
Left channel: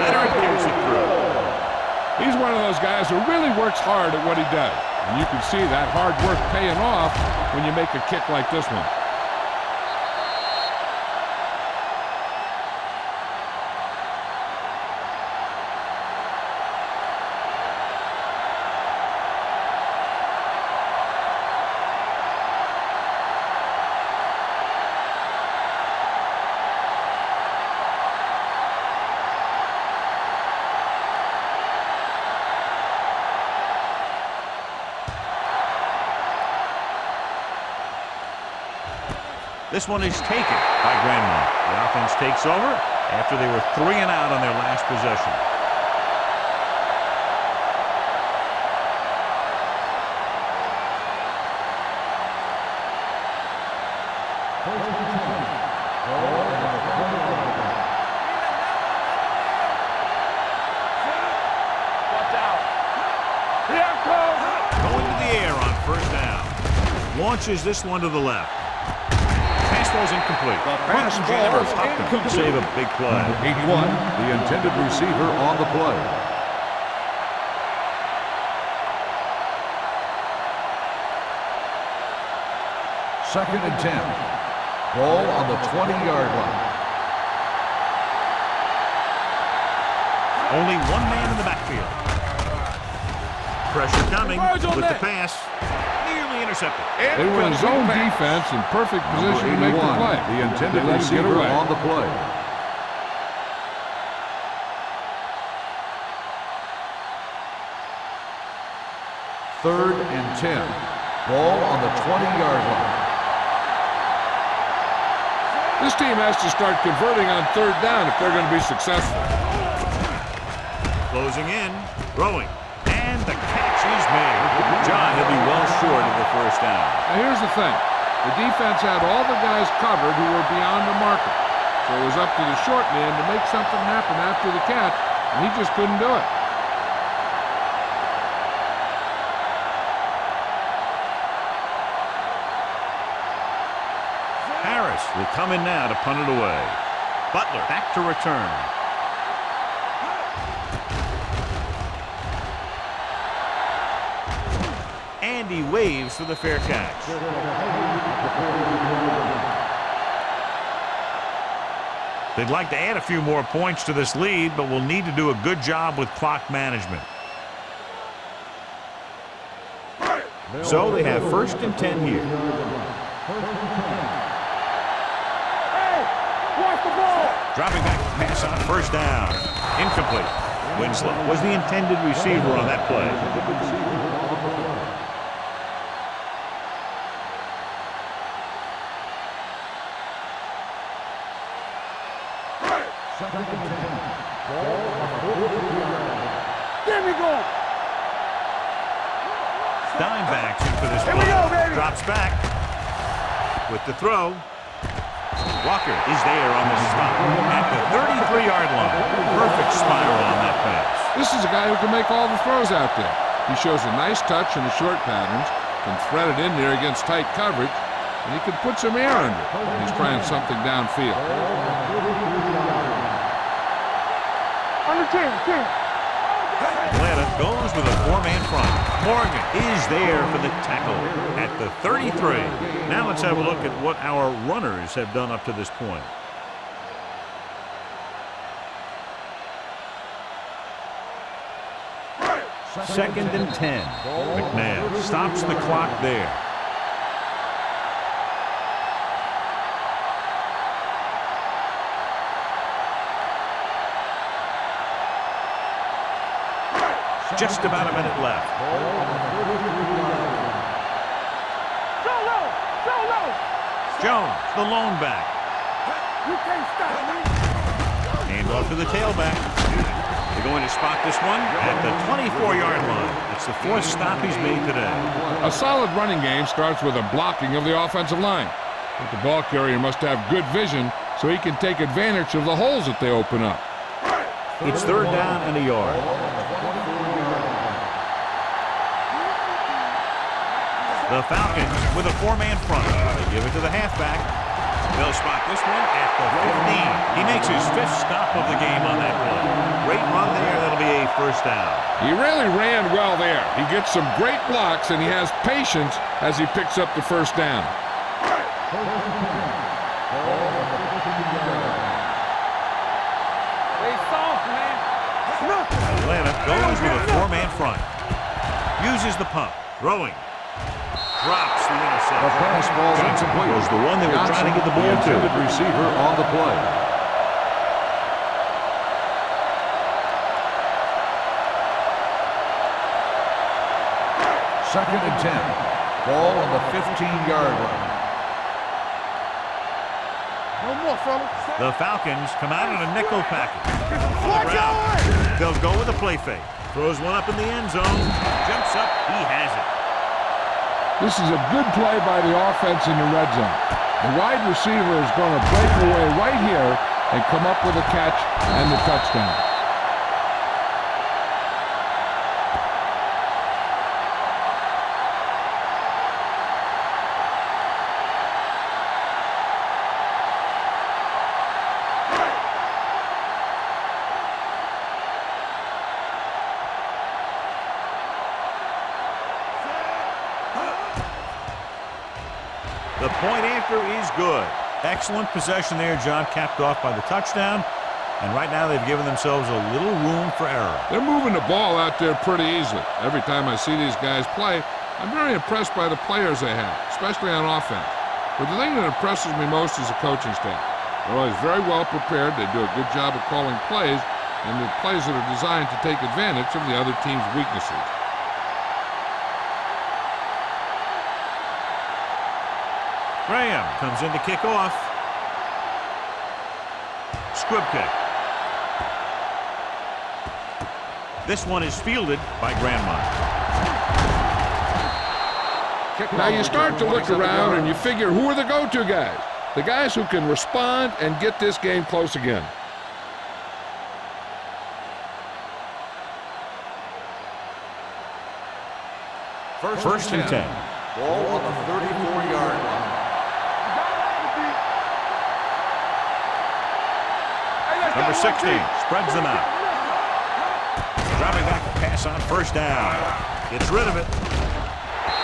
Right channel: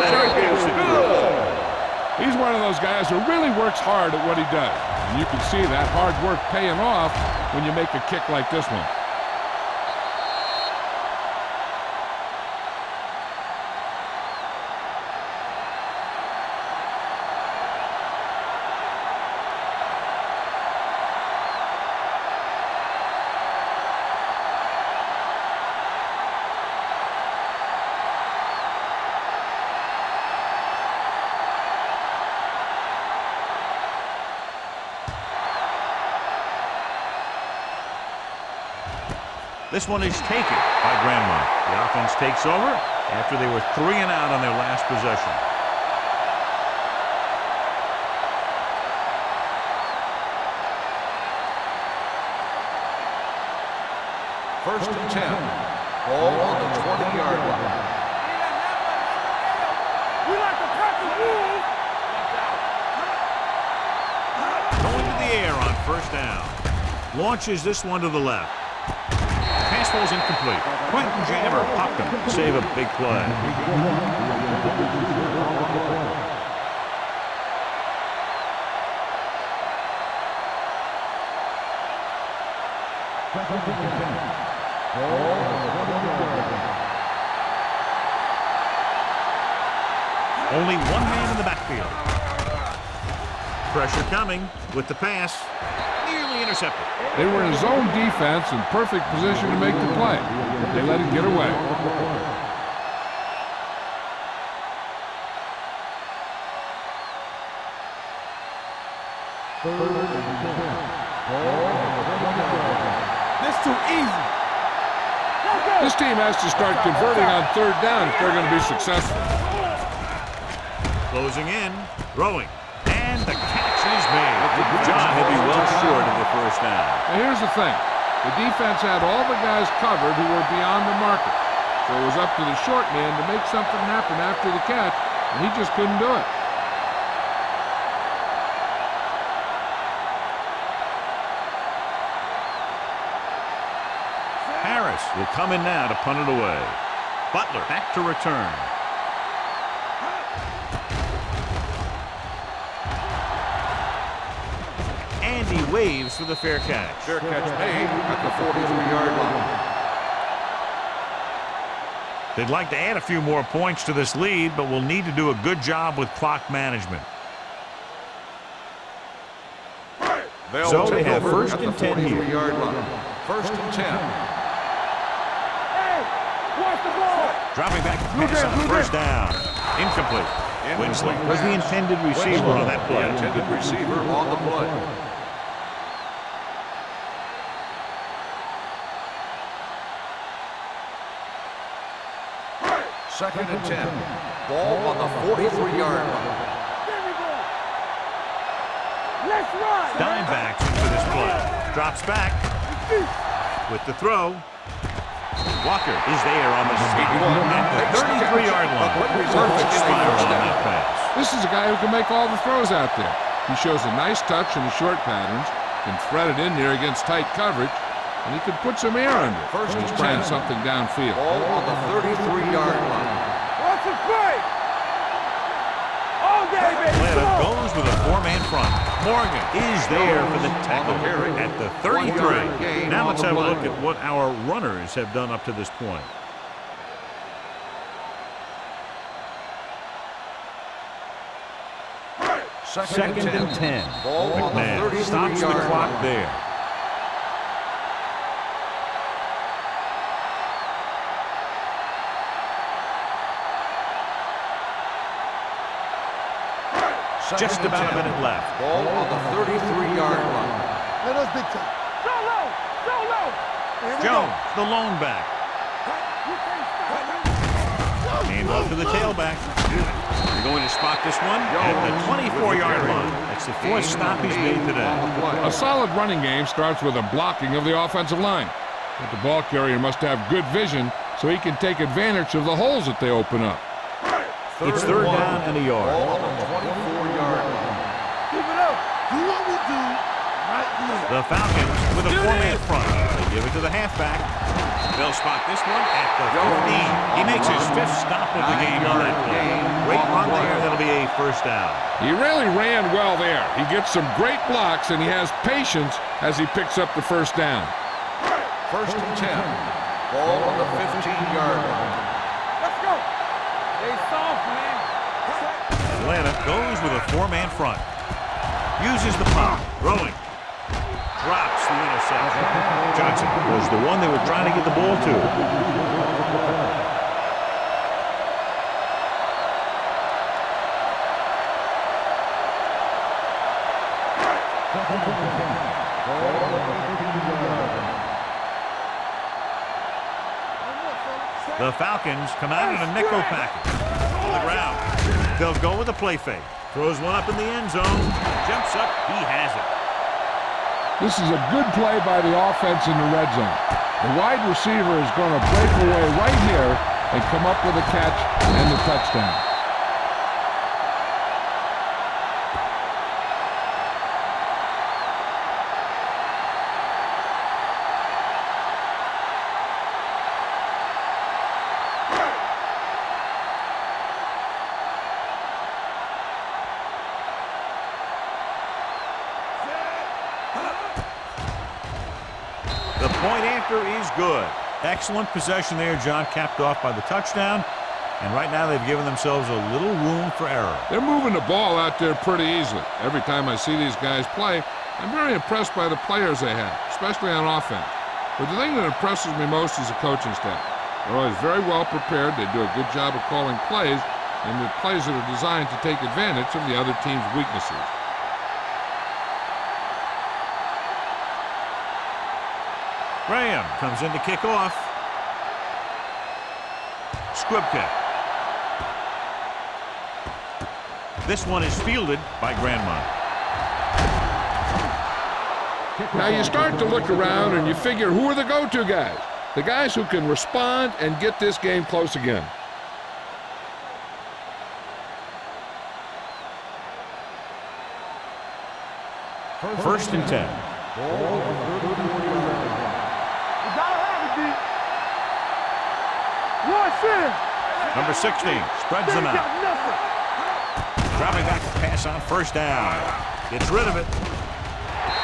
Leonard kicks it through. He's one of those guys who really works hard at what he does. And you can see that hard work paying off when you make a kick like this one. This one is taken by Grandmont. The offense takes over after they were 3 and out on their last possession. First and 10. Ball on the 20-yard line. Watch out. Here it comes. Going to the air on 1st down. Launches this one to the left. Pass falls incomplete. Quentin Jammer popped him to save a big play. 81, the intended receiver on the play. Second and 10. Ball on the 20-yard line. Only one man in the backfield. Pressure coming with the pass. Nearly intercepted. They were in zone defense in perfect position to make the play. They let it get away. On the play. Third and 10. Ball on the 20-yard line. This too easy. This team has to start converting on third down if they're going to be successful. Closing in, throwing, and the catch is made. John, he'll be well short of the first down. Now here's the thing. The defense had all the guys covered who were beyond the marker. So it was up to the short man to make something happen after the catch, and he just couldn't do it. Harris will come in now to punt it away. Butler back to return. And he waves for the fair catch. Fair catch made at the 43-yard line. They'd like to add a few more points to this lead, but will need to do a good job with clock management. So they have first and 10 here. First and 10. Hey, watch the ball. Dropping back to pass on first down. Incomplete. Winslow was the intended receiver on that play. Intended receiver on the play. Second and 10. Ball on the 43-yard line. There we go. Let's run. Dime backs in for this play. Drops back with the throw. Walker is there on the stop at the 33-yard line. Perfect spiral on that pass. This is a guy who can make all the throws out there. He shows a nice touch in the short patterns, can thread it in there against tight coverage, and he can put some air under it when he's trying something downfield. Ball on the 33-yard line. Watch the play. On the team. All day, baby. Atlanta goes with a four-man front. Morgan is there for the tackle at the 33. Now let's have a look at what our runners have done up to this point. Second and 10. McNabb stops the clock there. Just about a minute left. Ball on the 33-yard line. So low. Jones, the lone back. You can't stop. Hand off to the tailback. They're going to spot this one at the 24-yard line. That's the fourth stop he's made today. A solid running game starts with a blocking of the offensive line. But the ball carrier must have good vision so he can take advantage of the holes that they open up. It's third down and a yard. Ball on the 24-yard line. Do what we do right here. The Falcons with a four-man front. They give it to the halfback. They'll spot this one at the 15. He makes his fifth stop of the game on that play. Great run there. That'll be a first down. He really ran well there. He gets some great blocks, and he has patience as he picks up the first down. First and 10. Ball on the 15-yard line. They soft, man. Atlanta goes with a four-man front. Uses the pump. Throwing. Drops the interception. Johnson was the one they were trying to get the ball to. Receiver on the play. Second and 10. Ball on the 15-yard line. No more, fellas. The Falcons come out in a nickel package. On the ground. They'll go with a play fake. Throws one up in the end zone. Jumps up. He has it. This is a good play by the offense in the red zone. The wide receiver is going to break away right here and come up with a catch and the touchdown. The point after is good. Excellent possession there, John, capped off by the touchdown. And right now they've given themselves a little room for error. They're moving the ball out there pretty easily. Every time I see these guys play, I'm very impressed by the players they have, especially on offense. But the thing that impresses me most is the coaching staff. They're always very well prepared. They do a good job of calling plays, and the plays that are designed to take advantage of the other team's weaknesses. Graham comes in to kick off. Squib kick. This one is fielded by Grandmont. Now you start to look around and you figure, who are the go-to guys? The guys who can respond and get this game close again. First and 10. Ball on the 34-yard line. You gotta have it, D. Number 16 spreads them out. Dropping back to pass on first down. Gets rid of it.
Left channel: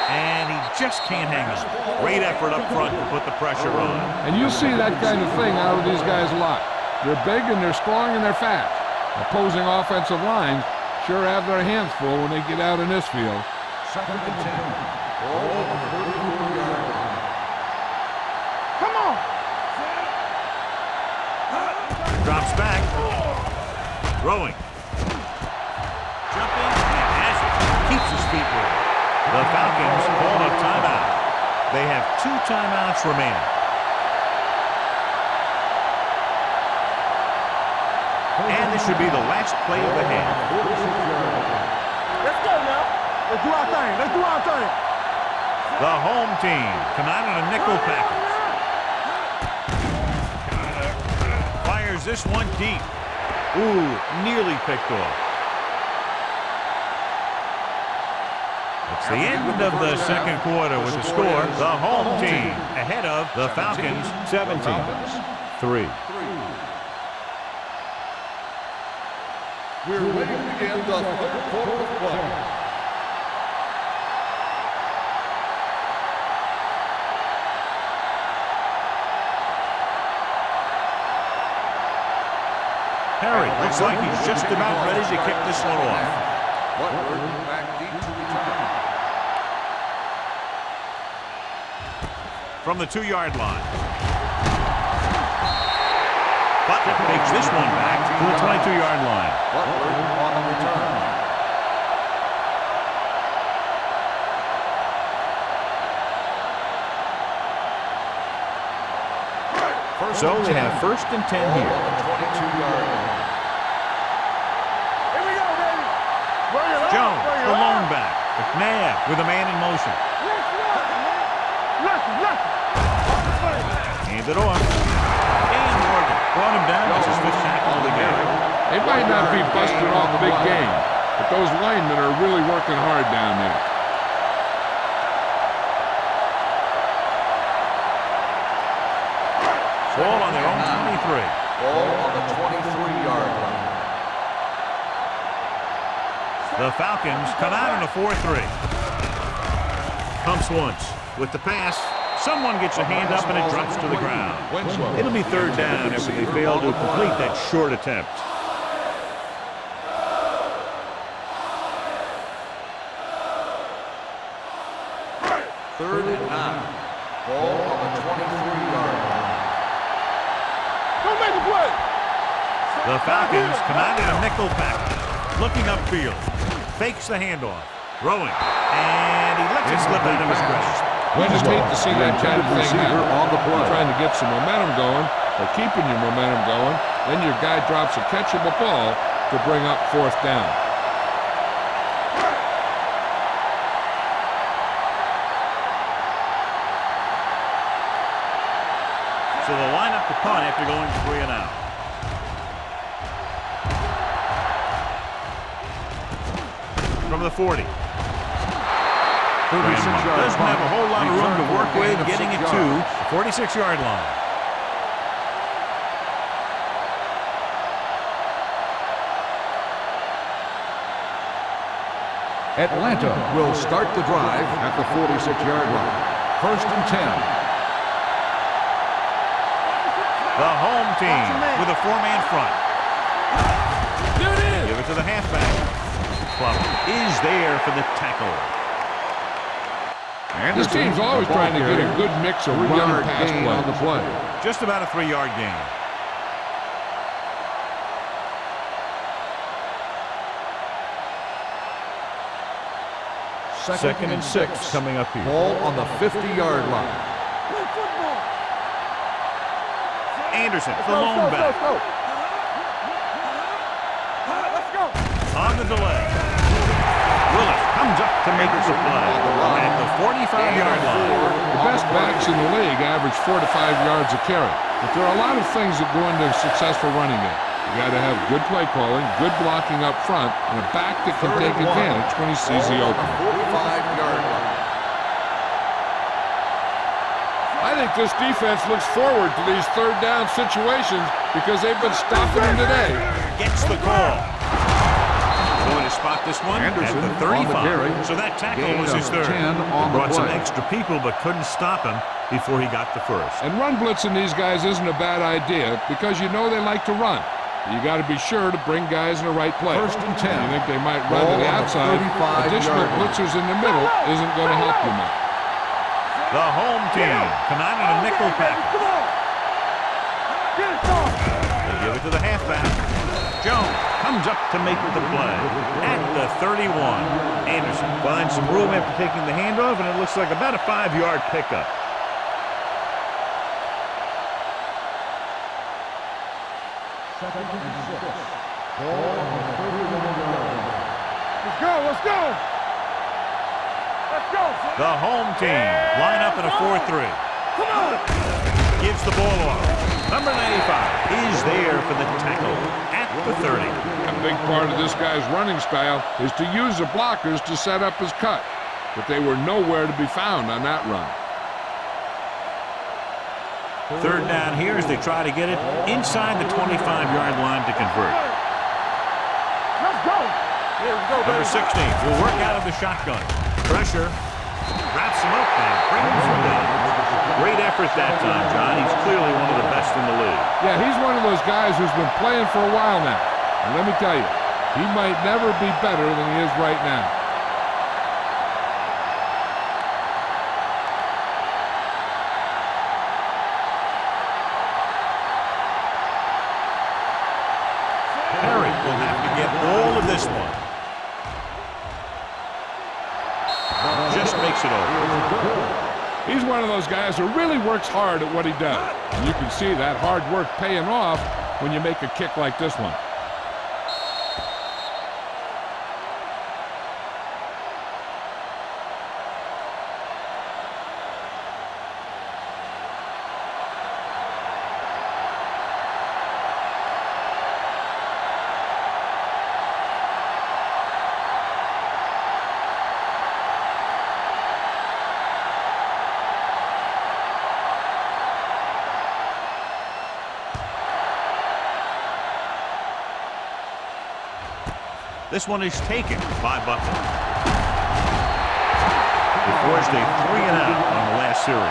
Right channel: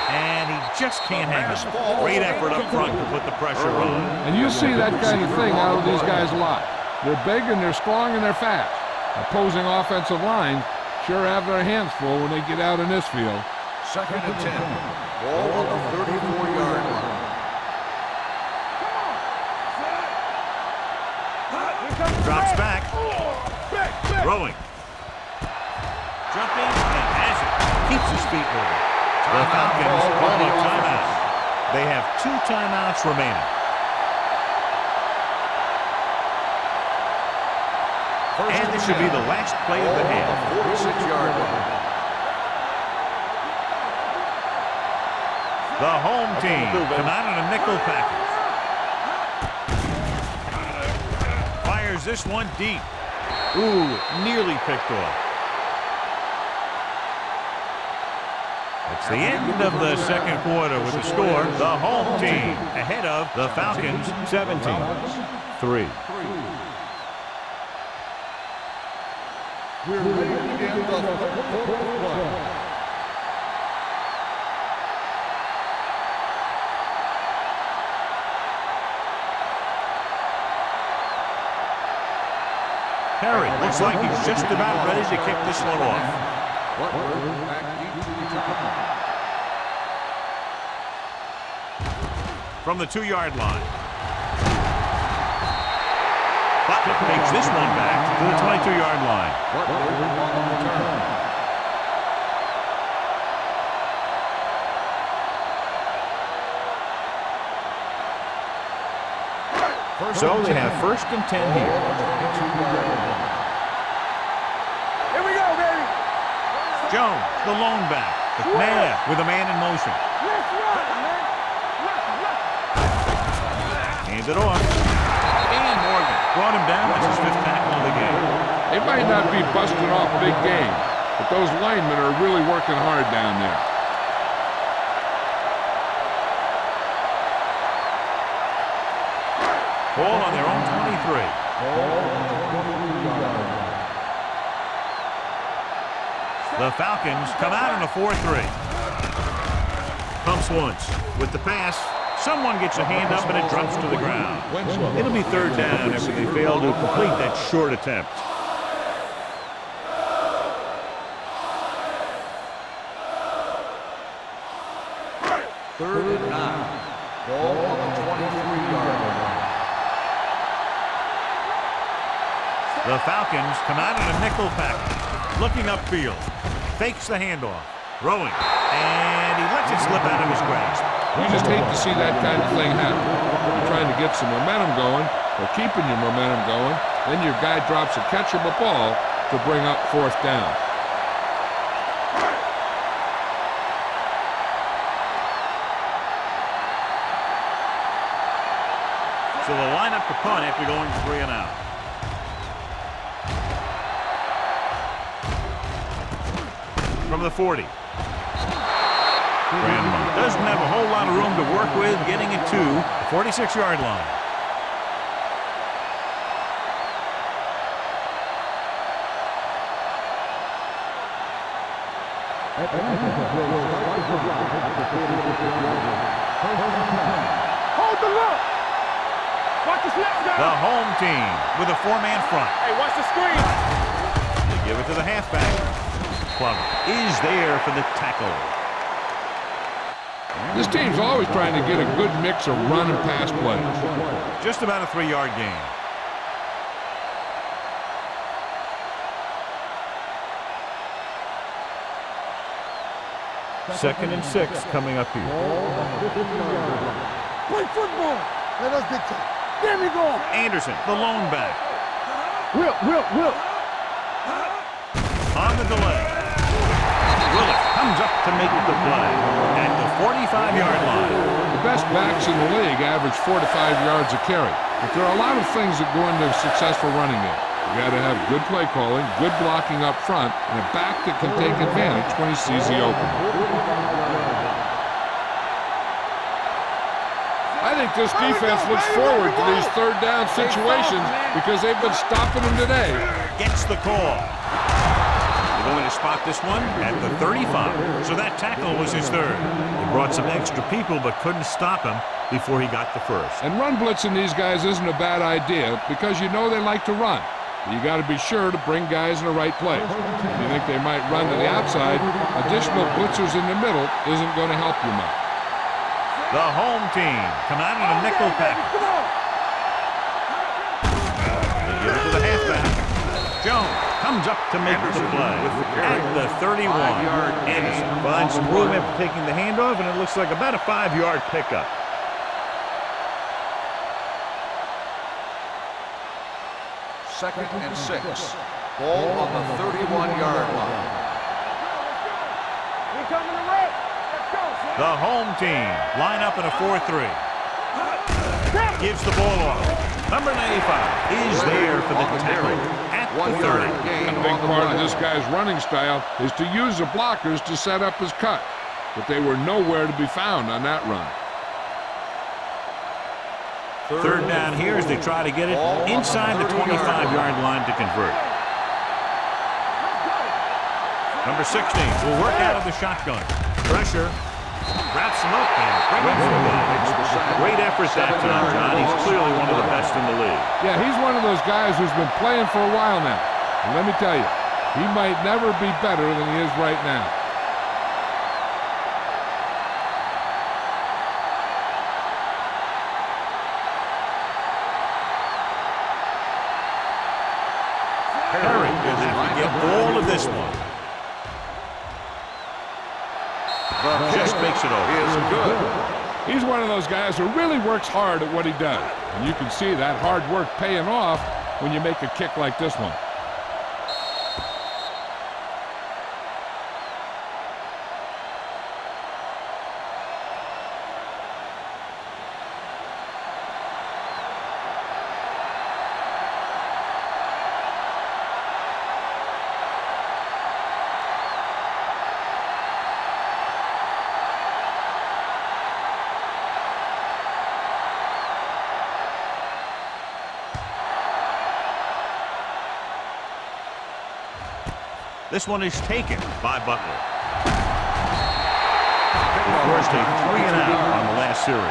And he just can't hang on. Great effort up front to put the pressure on. And you see that kind of thing out of these guys a lot. They're big and they're strong and they're fast. Opposing offensive lines sure have their hands full when they get out in this field. Second and 10. Ball on the 34-yard line. Come on. Drops back. Throwing. Jumping and has it. Keeps his feet moving. The Falcons call a timeout. They have 2 timeouts remaining. And this should be the last play of the half. Let's go now. Let's do our thing. Let's do our thing. The home team come out in a nickel package. Fires this one deep. Ooh, nearly picked off. It's the end of the second quarter with the score. The home team ahead of the Falcons 17-3. We're ready to begin the third quarter of play. Perry looks like he's just about ready to kick this one off. Butler back deep to return. From the 2-yard line. Butler takes this one back to the 22-yard line. Butler on the return. So they have first and 10 here. On the 22-yard line. Here we go, baby. Jones, the lone back. McNabb with a man in motion. Let's run, man. Let's. Hands it off. And Morgan brought him down. That's his 5th tackle of the game. They might not be busting off big games, but those linemen are really working hard down there. Ball on their own 23. Ball on the 23-yard line. The Falcons come out in a 4-3. Pumps once. With the pass, someone gets a hand up and it drops to the ground. It'll be 3rd down after they fail to complete that short attempt. Third and 9. Ball on the 23-yard line. Don't make a play. The Falcons come out in a nickel package. Looking upfield. Fakes the handoff. Throwing. And he lets it slip out of his grasp. You just hate to see that kind of thing happen. You're trying to get some momentum going, or keeping your momentum going, then your guy drops a catchable ball to bring up 4th down. So they'll line up to punt after going 3 and out. From the 40. Grandmont doesn't have a whole lot of room to work with, getting it to the 46-yard line. Atlanta will start the drive at the 46-yard line. First and 10. Hold the look. Watch the snap. The home team with a 4-man front. Hey, watch They give it to the halfback. Club is there for the tackle. And This team's always trying to get a good mix of run and pass play. Just about a 3-yard gain. Second and 6 coming up here. Ball on the 50-yard line. Play football. Let us get you. There we go. Anderson, the lone back. Will. Let's go. On the delay. Willis comes up to make the play at the 45-yard line. The best backs in the league average 4 to 5 yards a carry. But there are a lot of things that go into a successful running game. You got to have good play calling, good blocking up front, and a back that can take advantage when he sees the opening. I think this defense looks forward to these third down situations because they've been stopping them today. Gets the call. They're going to spot this one at the 35. So that tackle was his third. They brought some extra people but couldn't stop him before he got the first. And run blitzing these guys isn't a bad idea because you know they like to run. You got to be sure to bring guys in the right place. If you think they might run to the outside, additional blitzers in the middle isn't going to help you much. The home team come out in a nickel package. They give it to the halfback. Jones comes up to make the play at the 31. Anderson finds some room after taking the handoff, and it looks like about a 5-yard pickup. Second and 6. Ball on the 31-yard line. Let's go. We're coming to right. Let's go. The home team line up in a 4-3. Gives the ball off. Number 95 is there for the tackle at the 30. A big part of this guy's running style is to use the blockers to set up his cut, but they were nowhere to be found on that run. Third down here as they try to get it inside the 25-yard line to convert. Let's go. Number 16 will work out of the shotgun. Pressure. Wraps him up and brings him down. Great effort that time, John. He's clearly one of the best in the league. Yeah, he's one of those guys who's been playing for a while now. And let me tell you, he might never be better than he is right now. Perry will have to get all of this one. Just makes it over. He's one of those guys who really works hard at what he does. And you can see that hard work paying off when you make a kick like this one. This one is taken by Butler. They forced a 3-and-out on the last series.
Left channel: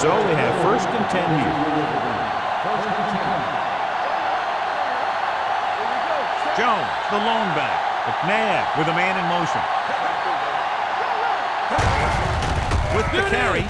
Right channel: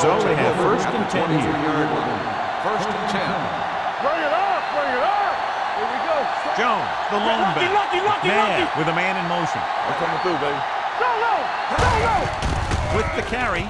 So they have first and 10 here. First and 10. Bring it up. Here we go. Jones, the lone back. McNabb with a man in motion. With the carry.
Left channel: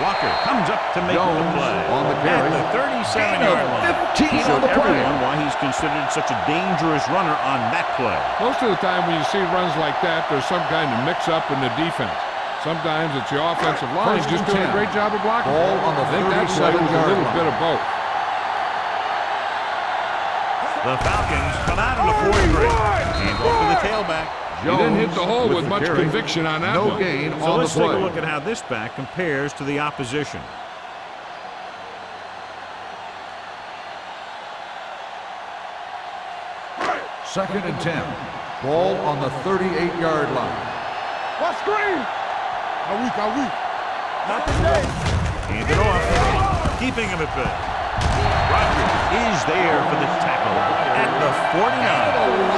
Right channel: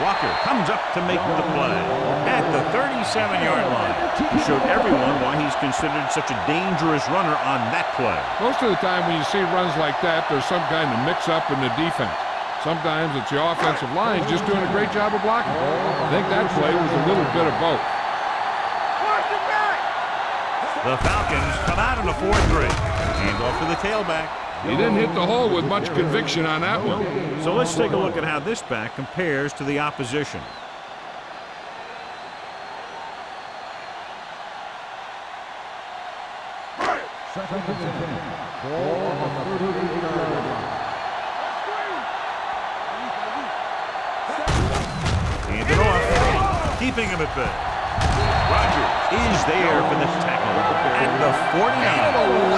Walker comes up to make the play at the 37-yard line. He showed everyone why he's considered such a dangerous runner on that play. Most of the time when you see runs like that, there's some kind of mix-up in the defense. Sometimes it's the offensive line just doing a great job of blocking. I think that play was a little bit of both. The Falcons come out in a 4-3. Hand off to the tailback. He didn't hit the hole with much conviction on that one. So let's take a look at how this back compares to the opposition. Second and 10. Ball on the 38-yard line. What screen? Hand it off. Keeping him at bay. Rogers is there for the tackle at the 49.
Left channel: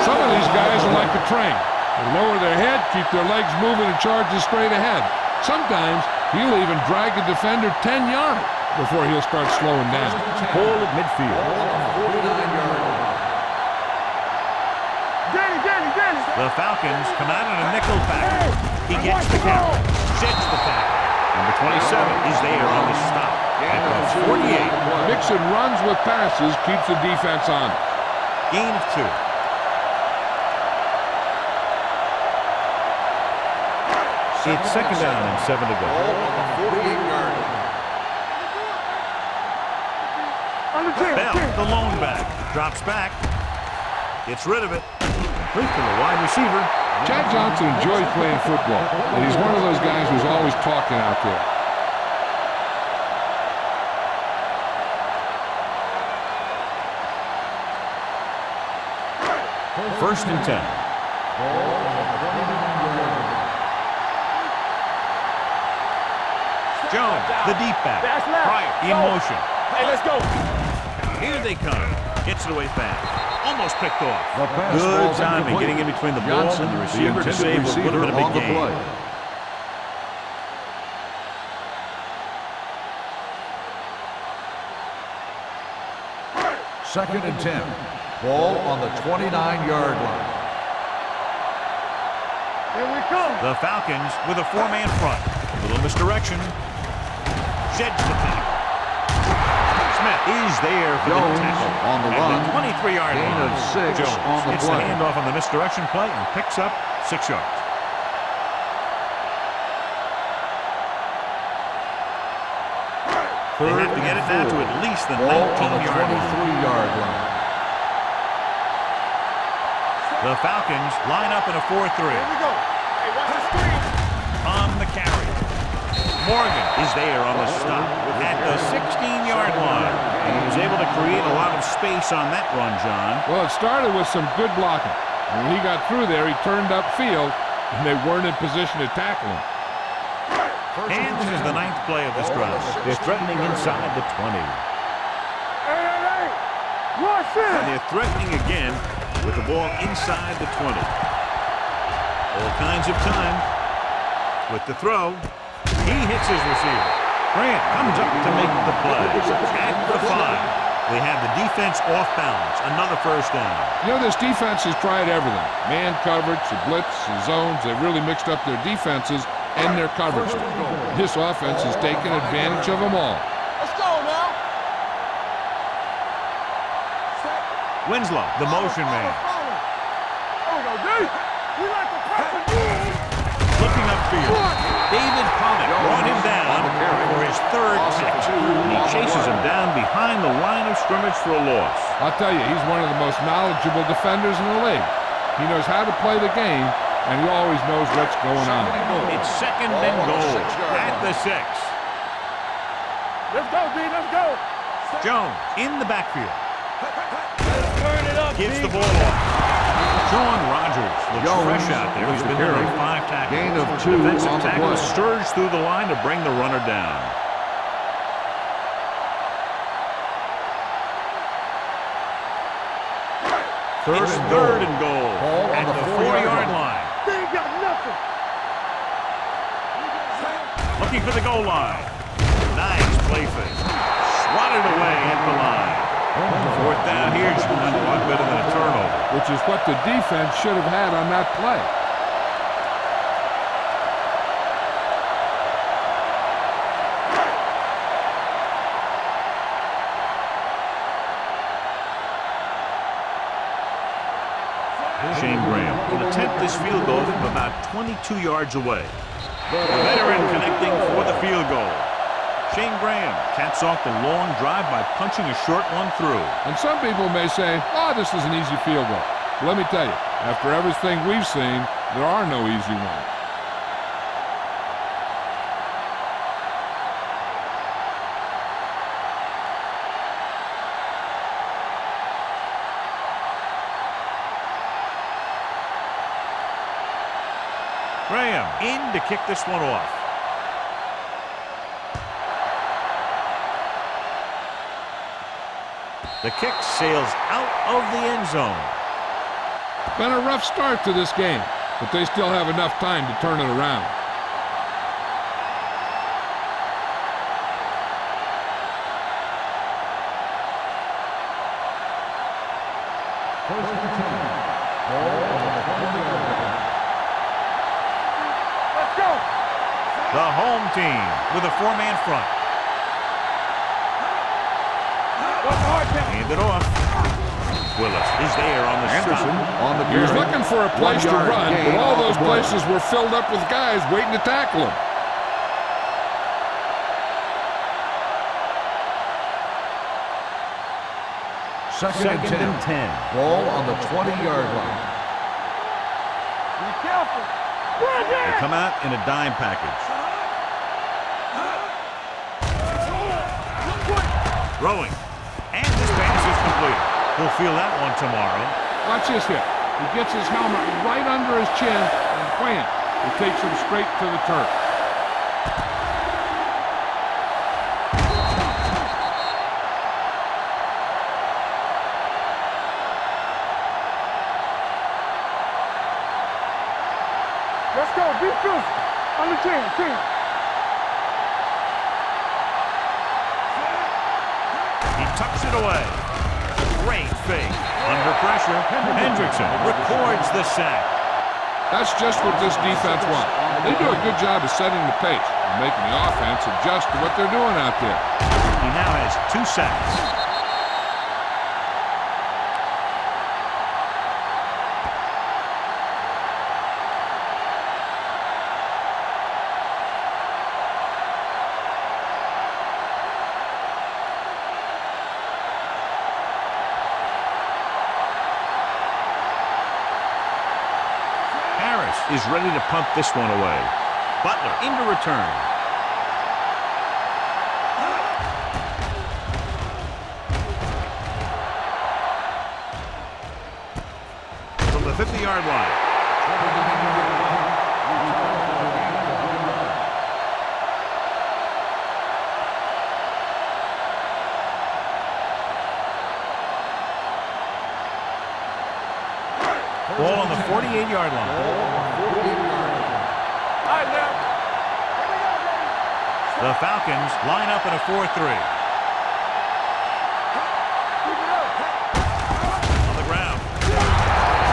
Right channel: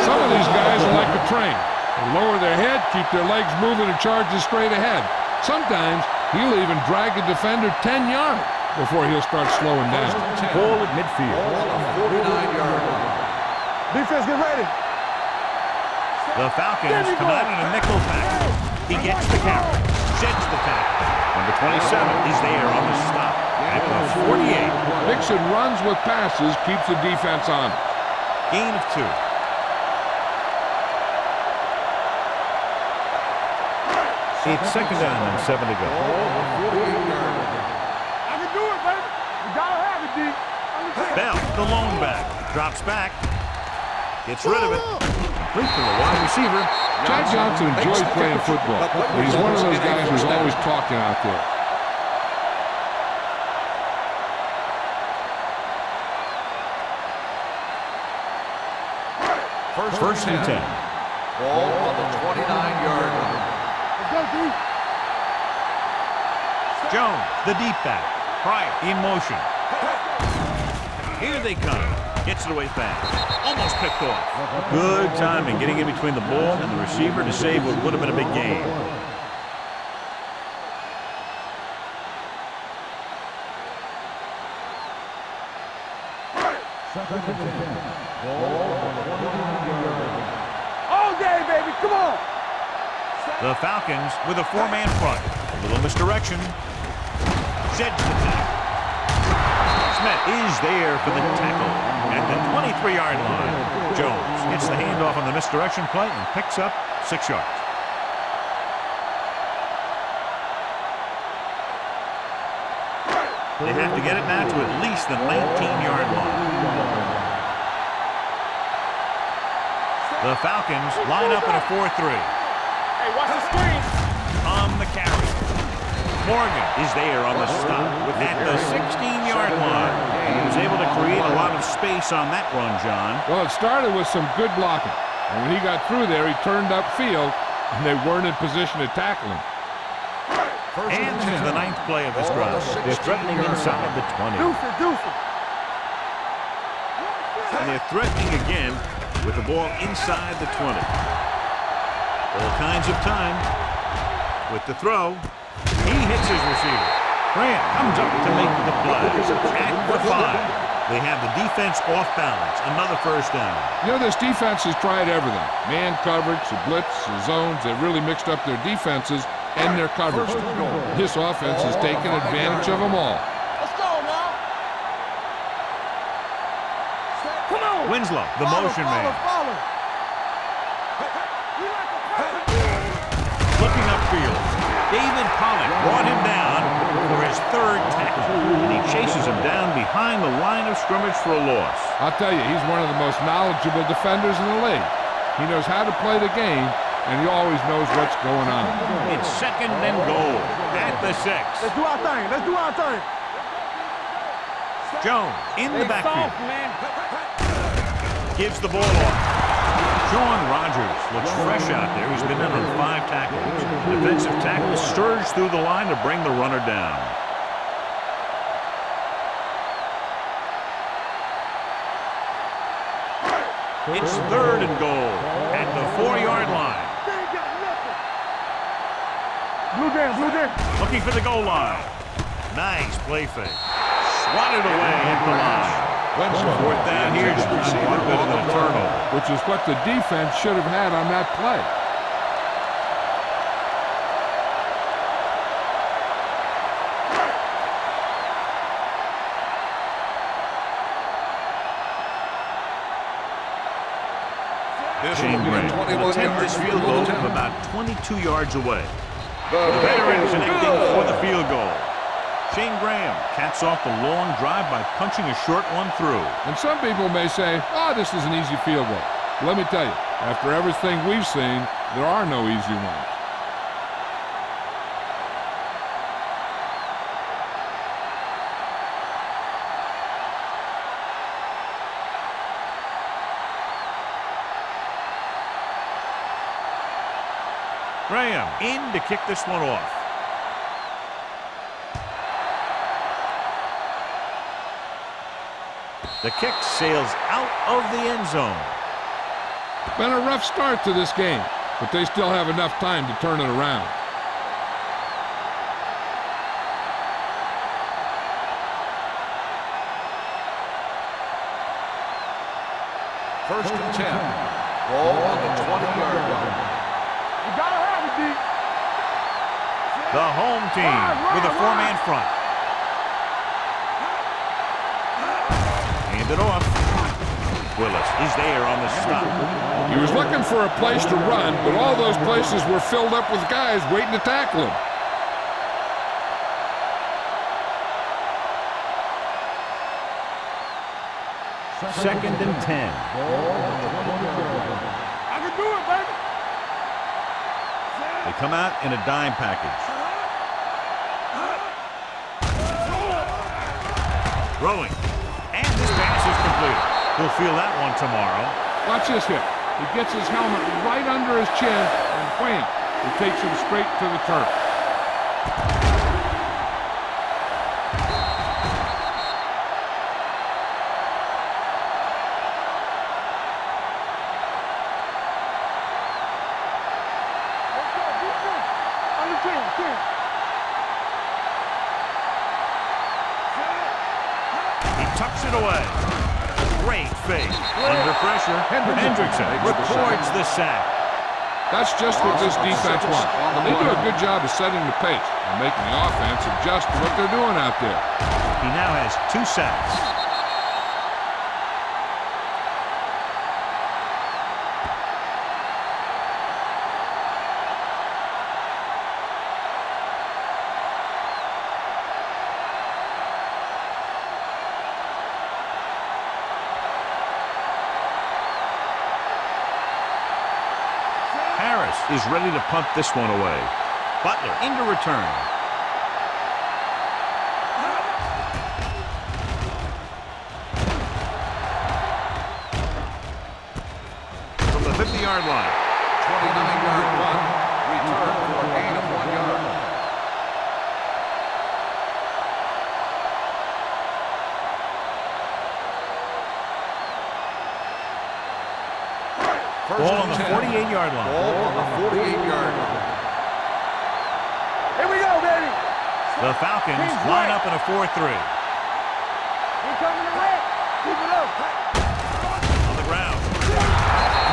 Some of these guys are like a train. They lower their head, keep their legs moving, and charges straight ahead. Sometimes he'll even drag a defender 10 yards before he'll start slowing down. Ball at midfield. Ball on the 49-yard line. Defense, get ready. Danny. The Falcons come out in a nickel package. He gets the carry, sheds the tackle. Number 27 is there on the stop at the 48. Mixon runs with passes, keeps the defense honest. Gain of 2. It's second down and 7 to go. Ball on the 48-yard line. I can do it, baby. You gotta have it, D. Under 10. Bell, the lone back, drops back, gets rid of it, complete to the wide receiver. Chad Johnson enjoys playing football, and he's one of those guys who's always talking out there. First and 10. Ball on the 29-yard line. Jones, the deep back. Pryor in motion. Let's go. Here they come. Gets it away fast. Almost picked off. Good timing, getting in between the ball and the receiver to save what would have been a big gain. Second and 10. Ball on the 29-yard line. All day, baby. Come on. Here we come. The Falcons with a 4-man front. A little misdirection. Sheds the tackle. Smith is there for the tackle at the 23-yard line. Jones gets the handoff on the misdirection play and picks up 6 yards. They have to get it now to at least the 19-yard line. The Falcons line up in a 4-3. Hey, watch the screen. On the carry. Morgan is there on the stop at the 16-yard line. And he was able to create a lot of space on that run, John. Well, it started with some good blocking. And when he got through there, he turned upfield, and they weren't in position to tackle him. And this is the 9th play of this drive. They're threatening inside the 20. And they're threatening again with the ball inside the 20. All kinds of time with the throw. He hits his receiver. Grant comes up to make the play. At the 5, they have the defense off balance. Another first down. You know, this defense has tried everything. Man coverage, the blitz, the zones. They've really mixed up their defenses and their coverages. This offense has taken advantage of them all. Let's go now. Come on. Winslow, the motion man. Follow. We like to press. Looking upfield. David Pollock brought him down for his 3rd tackle. And he chases him down behind the line of scrimmage for a loss. I'll tell you, he's one of the most knowledgeable defenders in the league. He knows how to play the game, and he always knows what's going on. It's second and goal at the 6. Let's do our thing. Let's go, D. Let's go. Jones in the backfield. Gives the ball off. Sean Rogers looks fresh out there. He's been in on 5 tackles. Defensive tackle surged through the line to bring the runner down. It's 3rd and goal at the 4-yard line. They ain't got nothing. Blue down. Looking for the goal line. Nice play fake. Swatted away at the line. 4th down here, John, a lot better than a turnover. Which is what the defense should have had on that play. Shane Graham will attempt this field goal from about 22 yards away. The veteran connecting for the field goal. Shane Graham caps off the long drive by punching a short one through. And some people may say, oh, this is an easy field goal. But let me tell you, after everything we've seen, there are no easy ones. Graham in to kick this one off. The kick sails out of the end zone. Been a rough start to this game, but they still have enough time to turn it around. First and 10. Ball on the 20-yard line. The home team with a four-man front. Hand it off. Willis is there on the stop. He was looking for a place to run, but all those places were filled up with guys waiting to tackle him. Second and 10. Ball on the 20-yard line. They come out in a dime package. Throwing. And this pass is completed. He'll feel that one tomorrow. Watch this hit. He gets his helmet right under his chin, and wham, he takes him straight to the turf. Let's go. Be physical. Under 10. He tucks it away. Great fake. Under pressure, Hendrickson records the sack. That's just what this defense wants. They do a good job of setting the pace and making the offense adjust to what they're doing out there. He now has 2 sacks. Harris is ready to punt this one away. Butler into return. From the 50-yard line. 29-yard punt. Return for a gain of 1 yard. Ball on the 48-yard line. Ball on the 48-yard line. All right, now. Here we go, baby. The Falcons line up in a 4-3. We're coming ahead. Keep it up. On the ground.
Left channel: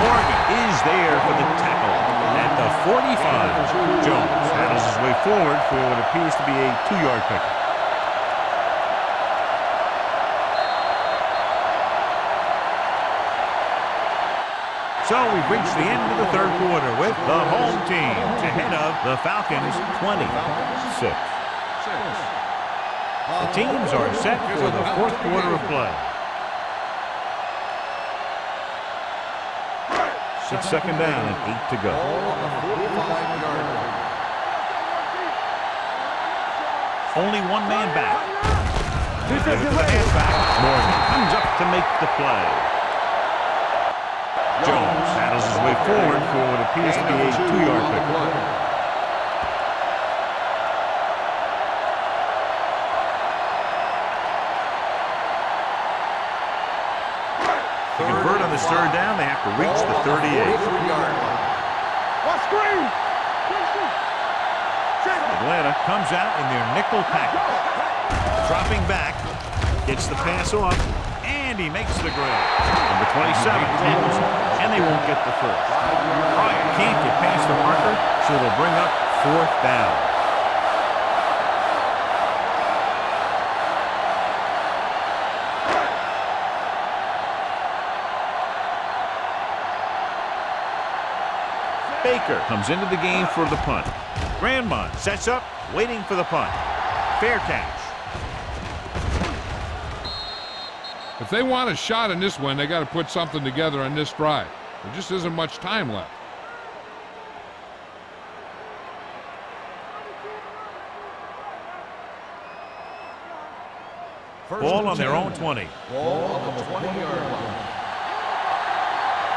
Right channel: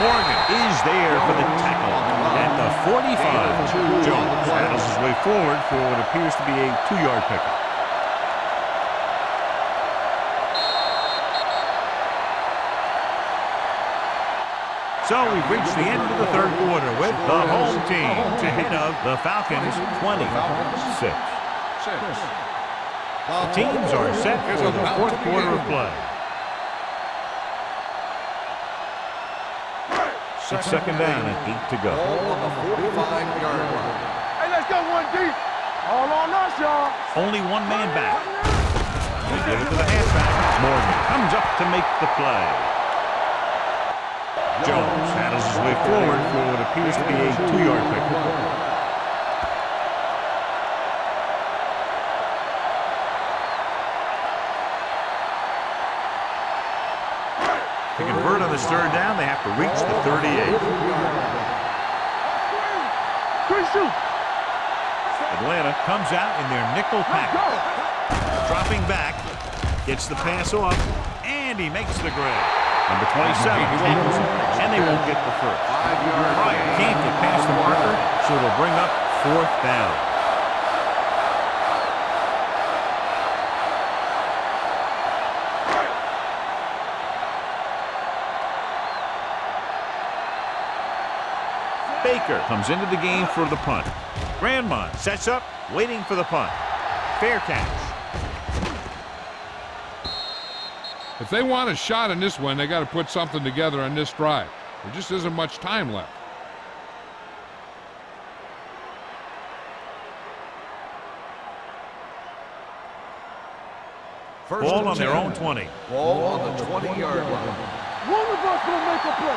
Morgan is there for the tackle at the 45. Jones handles his way forward for what appears to be a 2-yard pickup. So we've reached the end of the third quarter with the home team ahead of the Falcons 26. The teams are set for the fourth quarter of play. It's second down and 8 to go. Ball on the 45-yard line. Hey, let's go one deep. All on us, y'all. Only one man back. Give it to the halfback. Morgan comes up to make the play. Jones handles his way forward for what appears to be a 2-yard pickup. To convert on this third down, they have to reach the 38. Watch screen. Quick shoot. Atlanta comes out in their nickel package. Dropping back, gets the pass off, and he makes the grab. Number 27 tackles him, and they won't get the first. Bryant can't get past the marker, so it'll bring up fourth down. Baker comes into the game for the punt. Grandmont sets up, waiting for the punt. Fair catch. If they want a shot in this one, they got to put something together on this drive. There just isn't much time left. Ball on their own 20. Ball on the 20-yard line. One of us will make a play.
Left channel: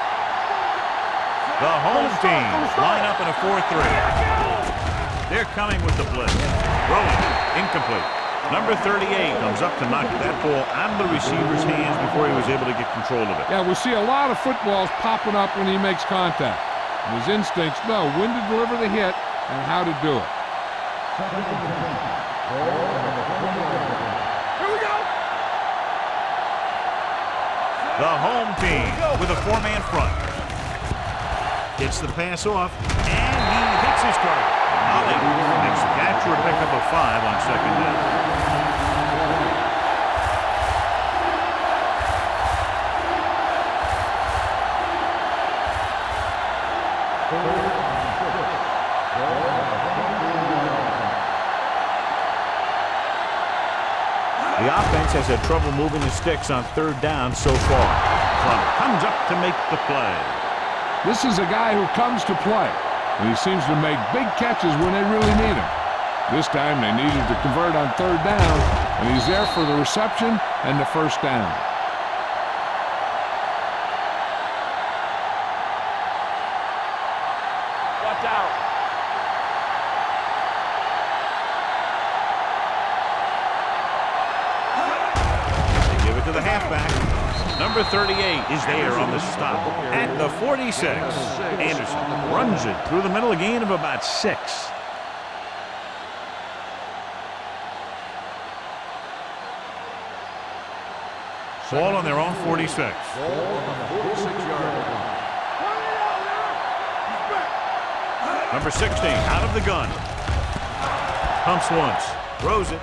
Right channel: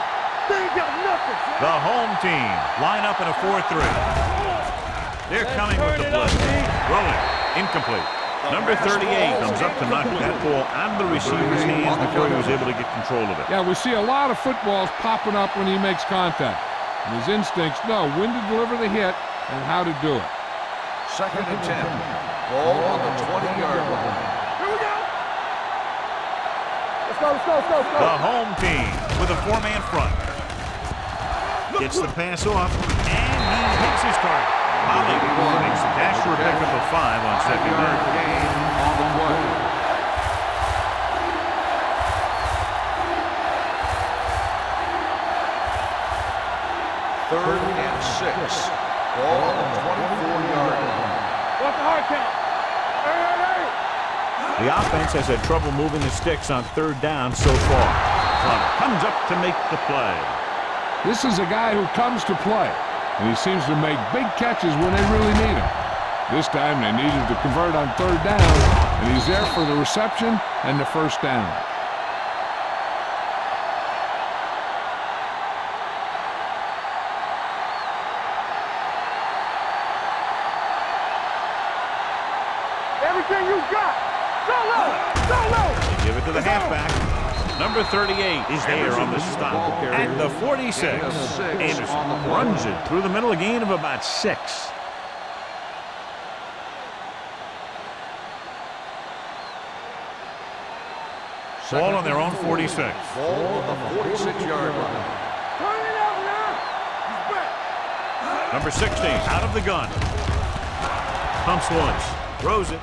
They ain't got nothing. The home team line up in a 4-3. They're coming with the blitz. Throwing. Incomplete. Number 38 comes up to knock that ball out of the receiver's hands before he was able to get control of it. Yeah, we see a lot of footballs popping up when he makes contact. And his instincts know when to deliver the hit and how to do it. 2nd and 10. Ball on the 20-yard line. Here we go. Let's go. The home team with a 4-man front. Gets the pass off, and he hits his target. Holly makes the catch for a pickup of 5 on 2nd down. Third and 6. Ball on the 24-yard line. The offense has had trouble moving the sticks on 3rd down so far. Plummer comes up to make the play. This is a guy who comes to play, and he seems to make big catches when they really need him. This time they needed to convert on 3rd down, and he's there for the reception and the 1st down. Watch out. Everything you got. They give it to the halfback. Number 38 is there on the stop at the 46. Anderson runs it through the middle, a gain of about 6. Ball on their own 46. Ball on the 46-yard line. Turn it out now. He's back. Number 16 out of the gun. Pumps once. Throws it.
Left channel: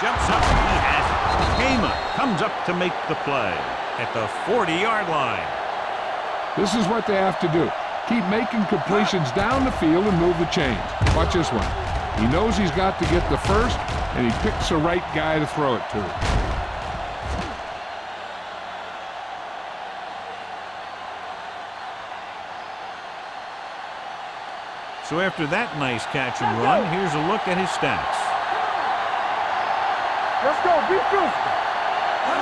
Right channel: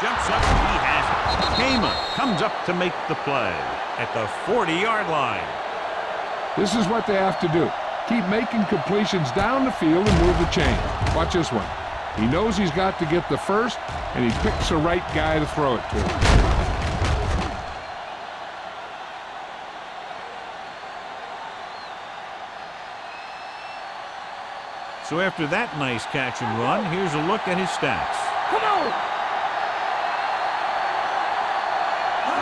Jumps up. He has it. Heyman comes up to make the play at the 40-yard line. This is what they have to do. Keep making completions down the field and move the chains. Watch this one. He knows he's got to get the first, and he picks the right guy to throw it to. So after that nice catch and run, here's a look at his stats. Come on. Let's go. Be good.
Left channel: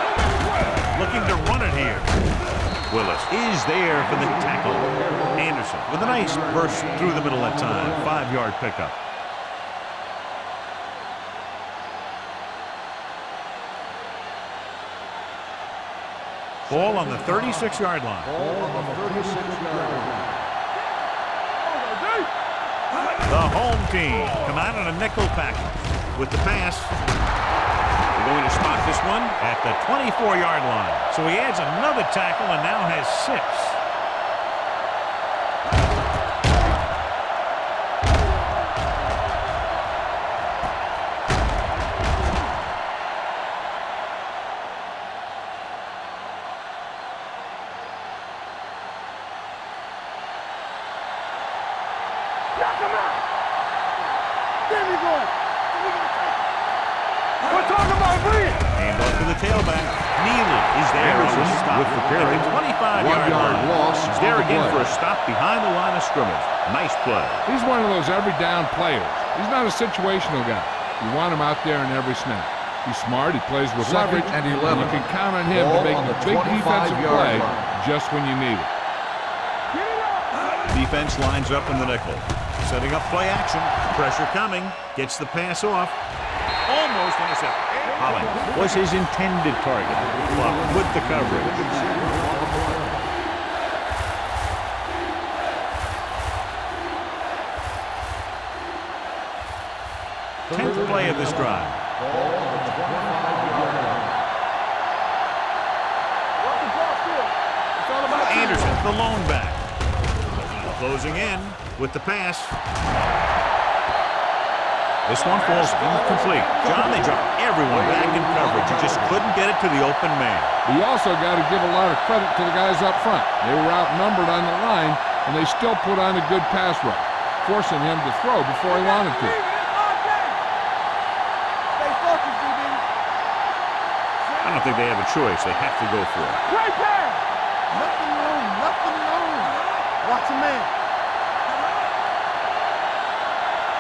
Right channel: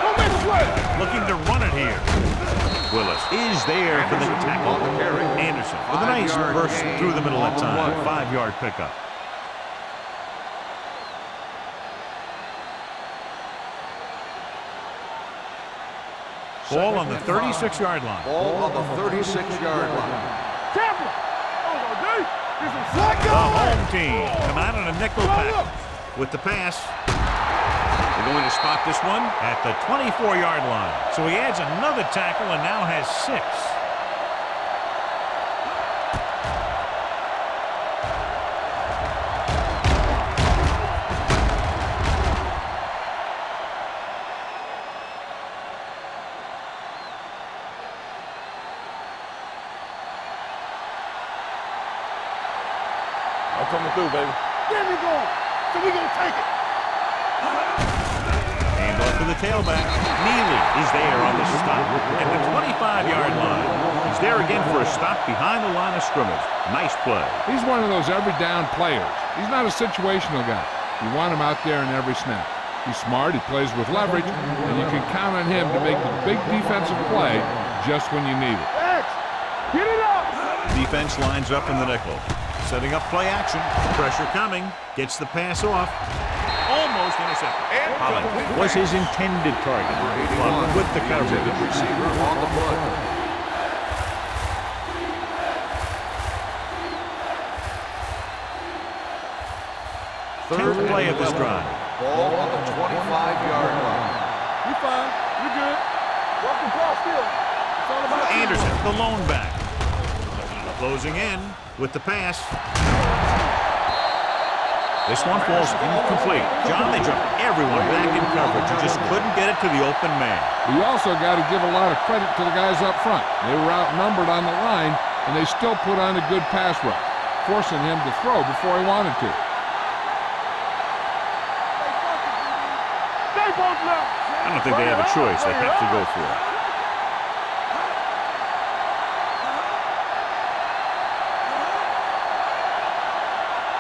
Don't make a play. Looking to run it here. Willis is there for the tackle. Anderson with a nice burst through the middle that time. 5-yard pickup. Ball on the 36-yard line. Ball on the 36-yard line. The home team come out in a nickel package with the pass. They're going to spot this one at the 24-yard line. So he adds another tackle and now has 6. Coming through, baby. There we go. So we gonna take it. And off to the tailback. Neely is there on the stop at the 25-yard line. He's there again for a stop behind the line of scrimmage. Nice play. He's one of those every down players. He's not a situational guy. You want him out there in every snap. He's smart, he plays with leverage, and you can count on him to make the big defensive play just when you need it. Get it up. Defense lines up in the nickel. Setting up play action. Pressure coming. Gets the pass off. Almost intercepted. Holly was his intended target. Plum with the coverage. Receiver on the play. Tenth play of this drive. Ball on the 25-yard line. You fine. You good. Work the ball still. It's all about Anderson, the lone back. Closing in with the pass. This one falls incomplete. John, they dropped everyone back in coverage. You just couldn't get it to the open man. We also got to give a lot of credit to the guys up front. They were outnumbered on the line, and they still put on a good pass rush, forcing him to throw before he wanted to. Stay focused, DB. Stay focused now. I don't think they have a choice. They have to go for it. Nothing wrong. Watch a man.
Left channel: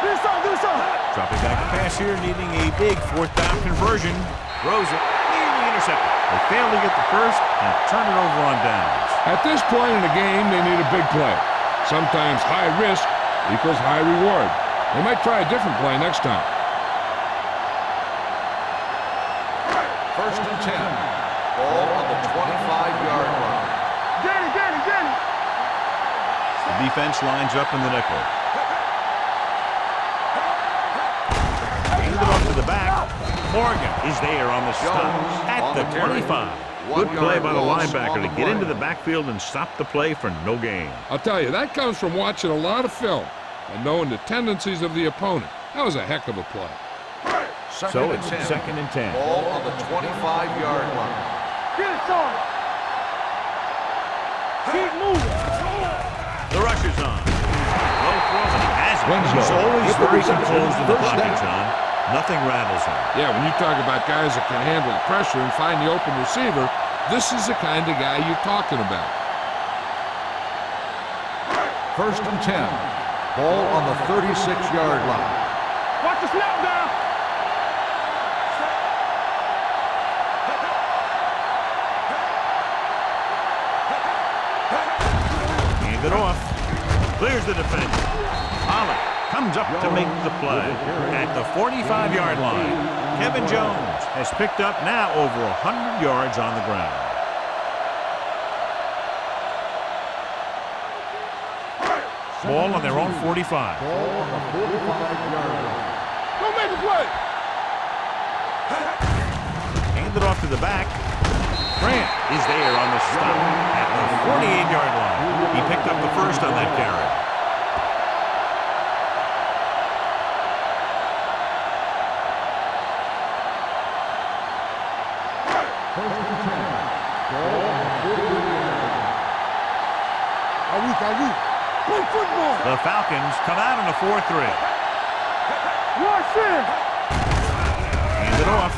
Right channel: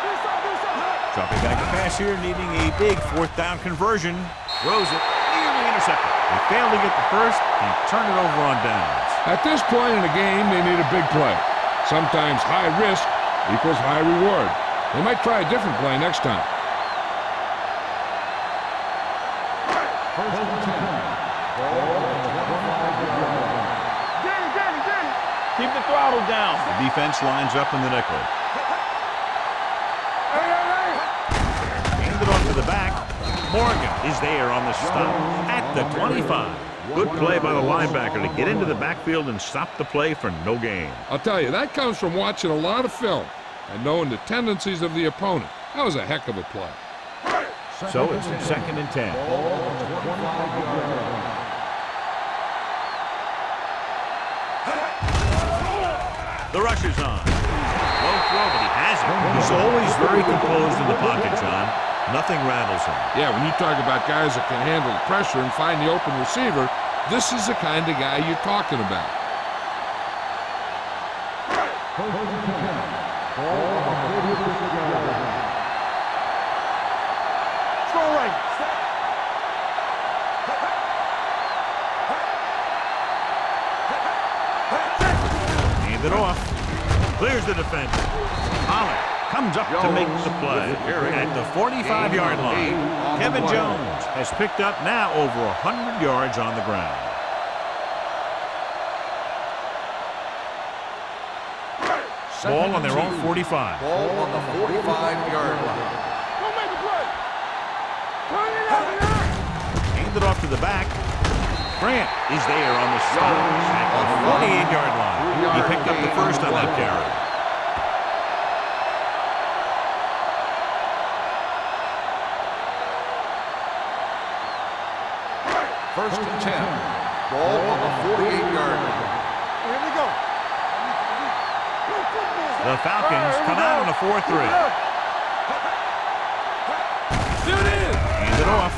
Do something. Dropping back to pass here, needing a big 4th down conversion. Throws it, nearly intercepted. They fail to get the first and turn it over on downs. At this point in the game, they need a big play. Sometimes high risk equals high reward. They might try a different play next time. First and 10. Ball on the 25-yard line. Danny. Keep the throttle down. The defense lines up in the nickel. Hand it off to the back. Morgan is there on the stop at the 25. Good play by the linebacker to get into the backfield and stop the play for no gain. I'll tell you, that comes from watching a lot of film and knowing the tendencies of the opponent. That was a heck of a play. So it's 2nd and 10. Ball on the 25-yard line. The rush is on. Low throw, but he has it. He's always very composed in the pocket, John. Nothing rattles him. Yeah, when you talk about guys that can handle the pressure and find the open receiver, this is the kind of guy you're talking about. First and 10. Ball on the 36-yard line. Watch the snap down. Strong right. Set. Hand it off. Clears the defense. Pollock comes up to make the play at the 45-yard line. Kevin Jones has picked up now over 100 yards on the ground. Ball on their own 45. Ball on the 45-yard line. Don't make a play. Hand it off to the back. Grant is there on the stop at the 48-yard line. He picked up the first on that carry. First and 10. Ball on the 48-yard line. Here we go. Are we? Play football. The Falcons come out in a 4-3. Hand it off.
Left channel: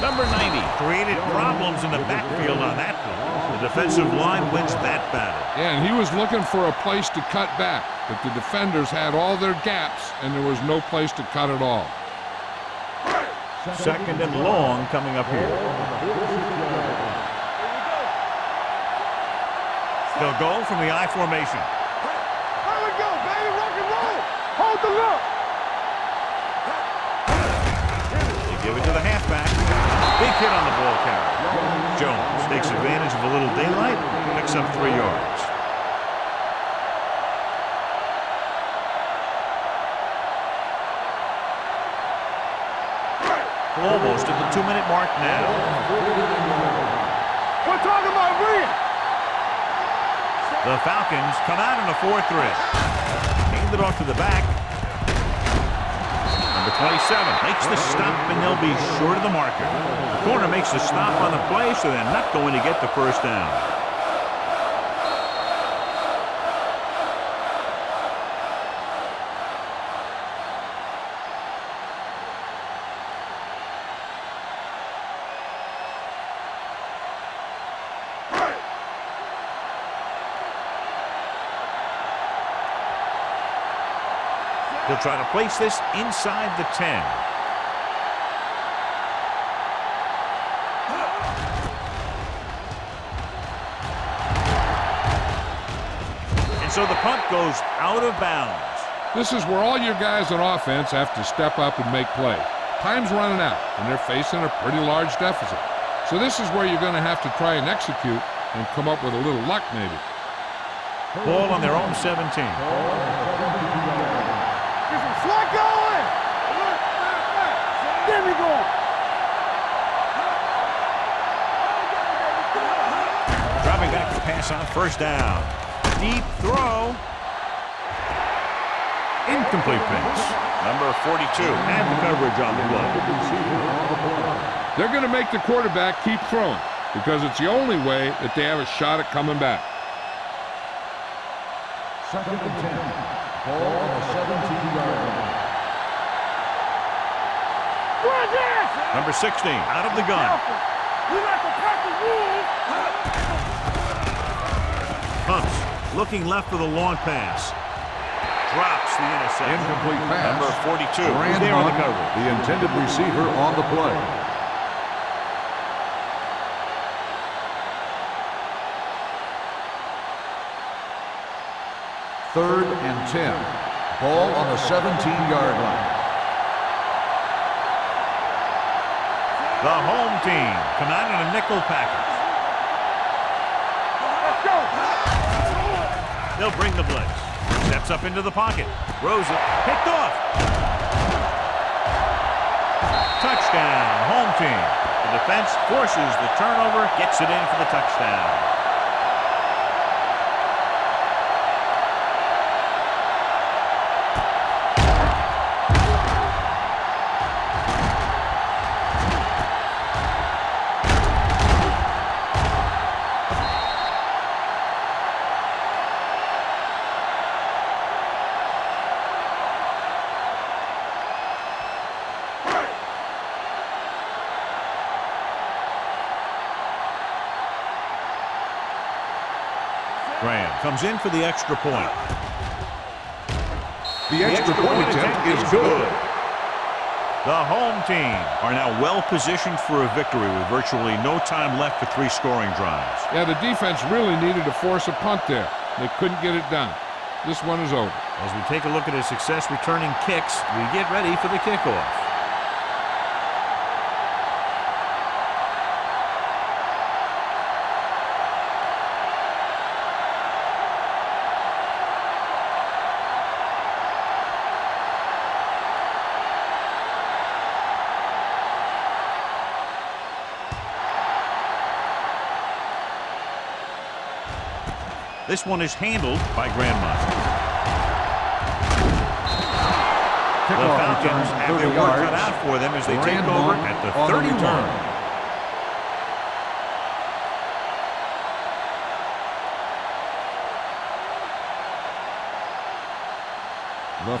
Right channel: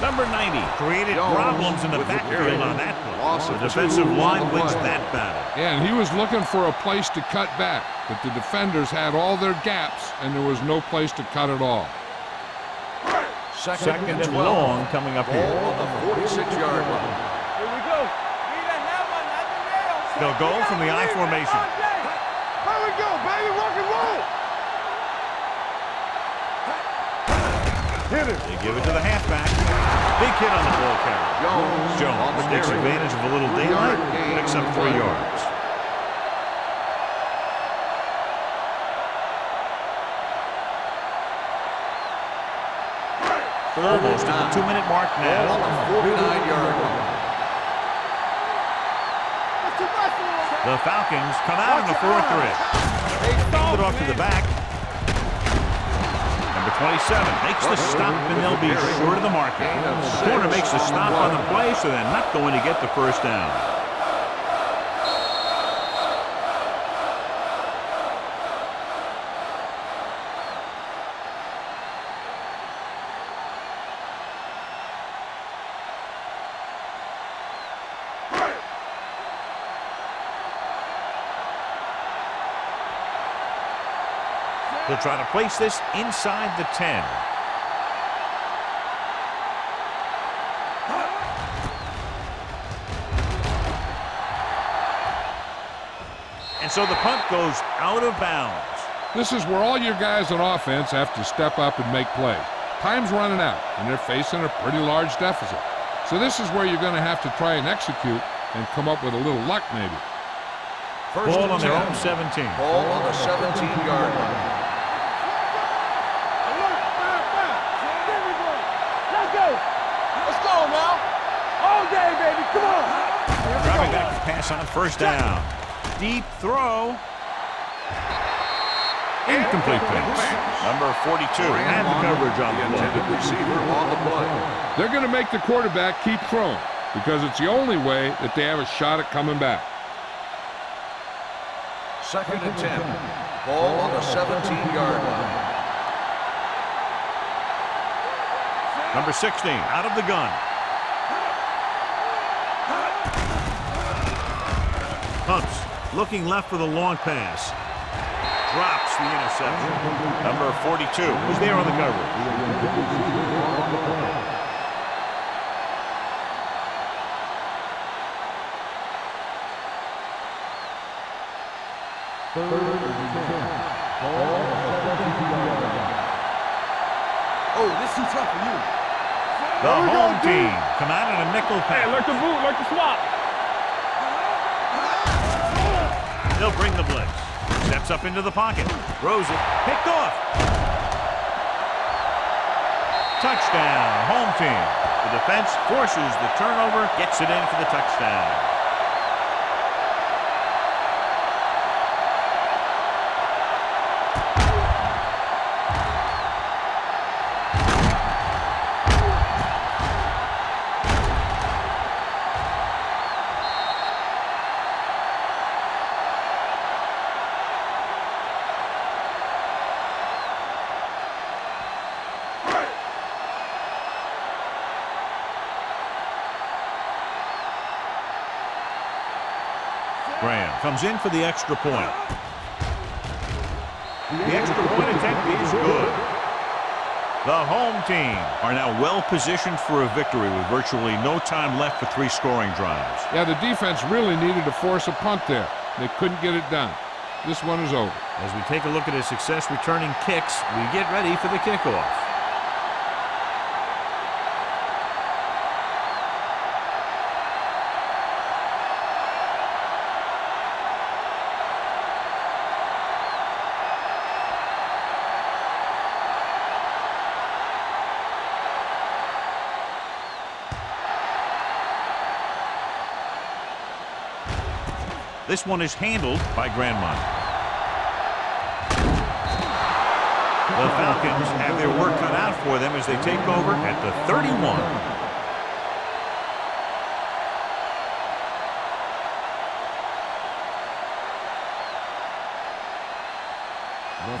Number 90 created problems in the backfield on that play. The defensive line wins that battle. Yeah, and he was looking for a place to cut back, but the defenders had all their gaps, and there was no place to cut at all. Second and long coming up here. Here we go. They'll go from the I formation. Here we go, baby. Rock and roll. Hold the look. They give it to the halfback. Big hit on the ball carrier. Jones takes advantage of a little daylight, picks up 3 yards. Almost at the 2-minute mark now. On the 49-yard line. We're talking about win. It's the best one. The Falcons come out in a 4-3. Hand it off to the back. Number 27 makes the stop, and they'll be short of the marker. The corner makes the stop on the play, so they're not going to get the first down. He'll try to place this inside the 10. And so the punt goes out of bounds. This is where all your guys on offense have to step up and make plays. Time's running out, and they're facing a pretty large deficit. So this is where you're going to have to try and execute and come up with a little luck maybe. Ball on their own 17. Ball on the 17-yard line. There we go. Let's go. Let's go now. All day, baby. Come on. Dropping back to pass on first down. Deep throw. Incomplete pass. Number 42 had the coverage on the play. They're going to make the quarterback keep throwing because it's the only way that they have a shot at coming back. Second and 10. Ball on the 17-yard line. Number 16 out of the gun. Pumps, looking left for the long pass. Drops the interception. Number 42 is there on the cover. The intended receiver on the play. Third and 10. Ball on the 17-yard line. Oh, this is tough for you. The home team come out in a nickel package. They'll bring the blitz. Steps up into the pocket. Throws it. Picked off. Touchdown, home team. The defense forces the turnover, gets it in for the touchdown. Graham comes in for the extra point. The extra point attempt is good. The home team are now well positioned for a victory with virtually no time left for 3 scoring drives. Yeah, the defense really needed to force a punt there. They couldn't get it done. This one is over. As we take a look at his success returning kicks, we get ready for the kickoff. This one is handled by Grandma. The Falcons have their work cut out for them as they take over at the 31.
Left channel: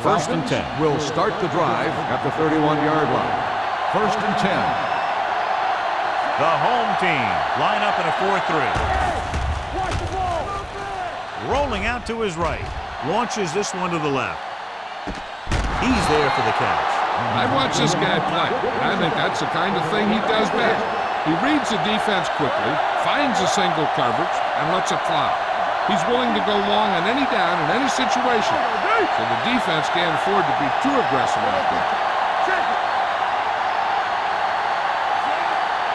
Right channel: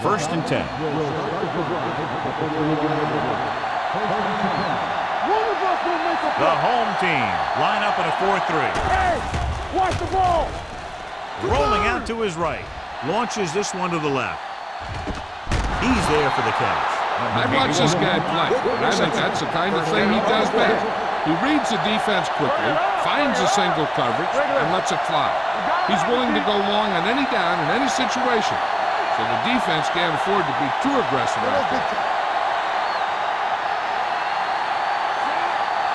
First and 10. Will start the drive at the 31-yard line. First and 10. The home team line up in a 4-3. Hey, watch the ball. Rolling out to his right. Launches this one to the left. He's there for the catch. I've watched this guy play, and I think that's the kind of thing he does best. He reads the defense quickly, finds a single coverage, and lets it fly. He's willing to go long on any down in any situation, so the defense can't afford to be too aggressive out there.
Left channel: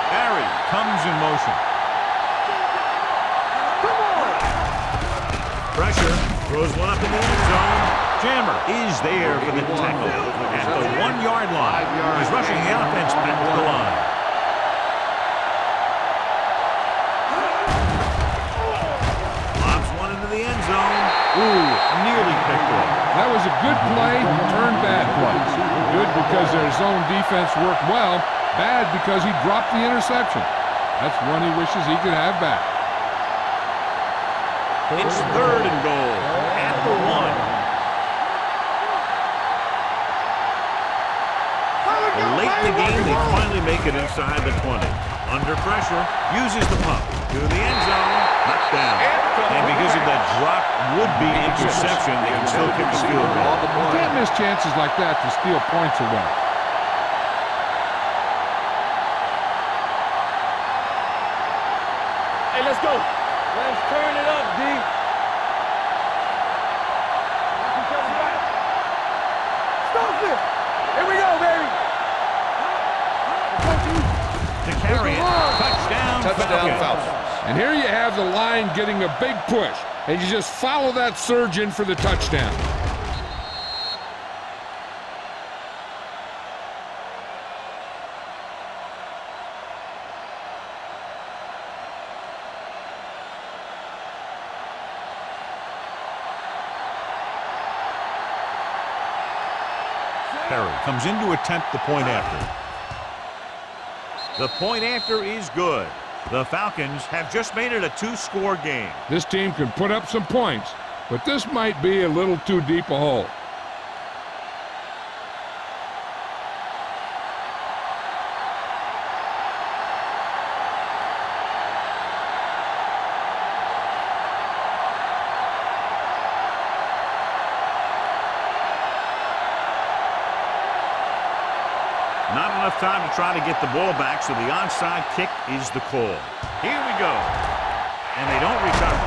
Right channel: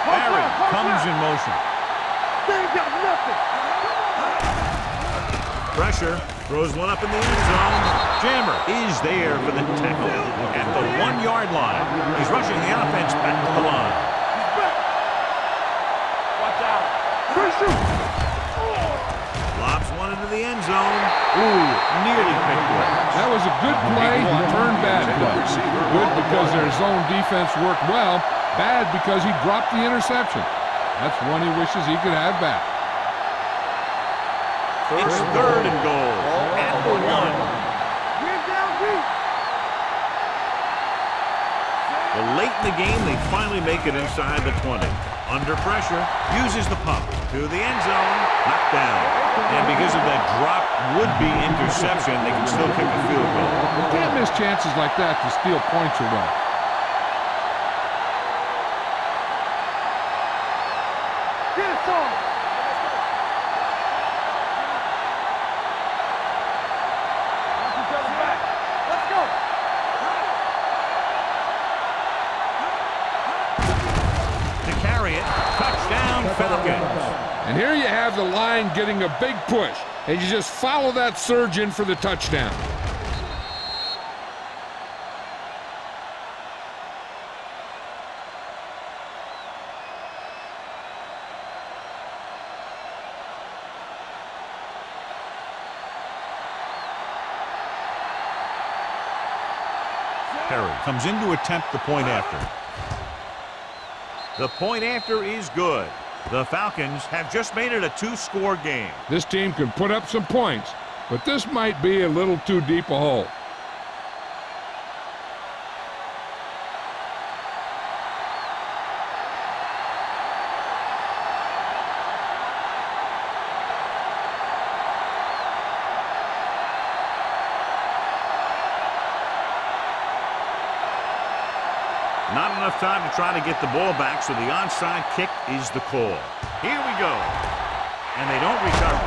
Barry comes in motion. Pressure, throws one up in the end zone. Jammer is there for the tackle at the 1-yard line. He's rushing the offense back to the line. Lobs one into the end zone. Ooh, nearly picked off. That was a good play, turned bad plays. Good because their zone defense worked well, bad because he dropped the interception. That's one he wishes he could have back. It's 3rd and goal at the 1. Well, late in the game, they finally make it inside the 20. Under pressure, uses the pump to the end zone, knocked down. And because of that drop would-be interception, they can still kick a field goal. You can't miss chances like that to steal points away. And here you have the line getting a big push, and you just follow that surge in for the touchdown. Perry comes in to attempt the point after. The point after is good. The Falcons have just made it a 2-score game. This team can put up some points, but this might be a little too deep a hole. Not enough time to try to get the ball back, so the onside kick is the call. Here we go. And they don't recover.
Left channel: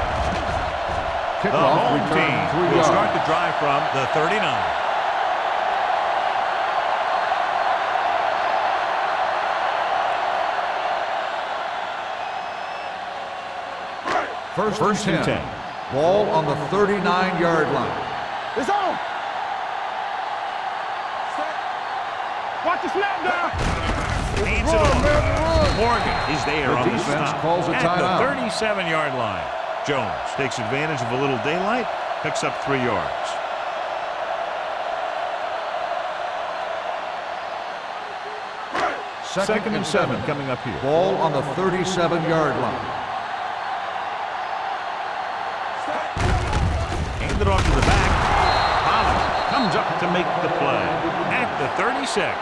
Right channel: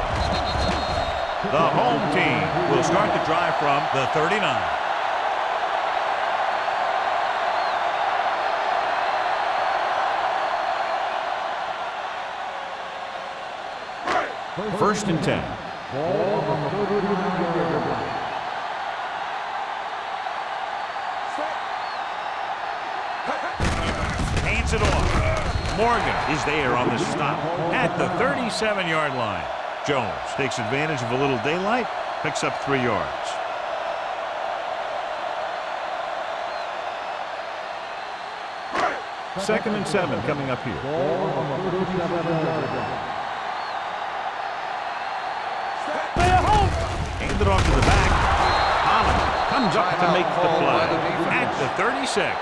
The home team will start the drive from the 39. First and 10. Ball on the 39-yard line. It's on. Set. Watch the snap, guys. Hands it off. Morgan is there on the stop at the 37-yard line. Jones takes advantage of a little daylight, picks up 3 yards. Second and 7 coming up here. Ball on the 37-yard line. Hand it off to the back. Holland comes up to make the play at the 36.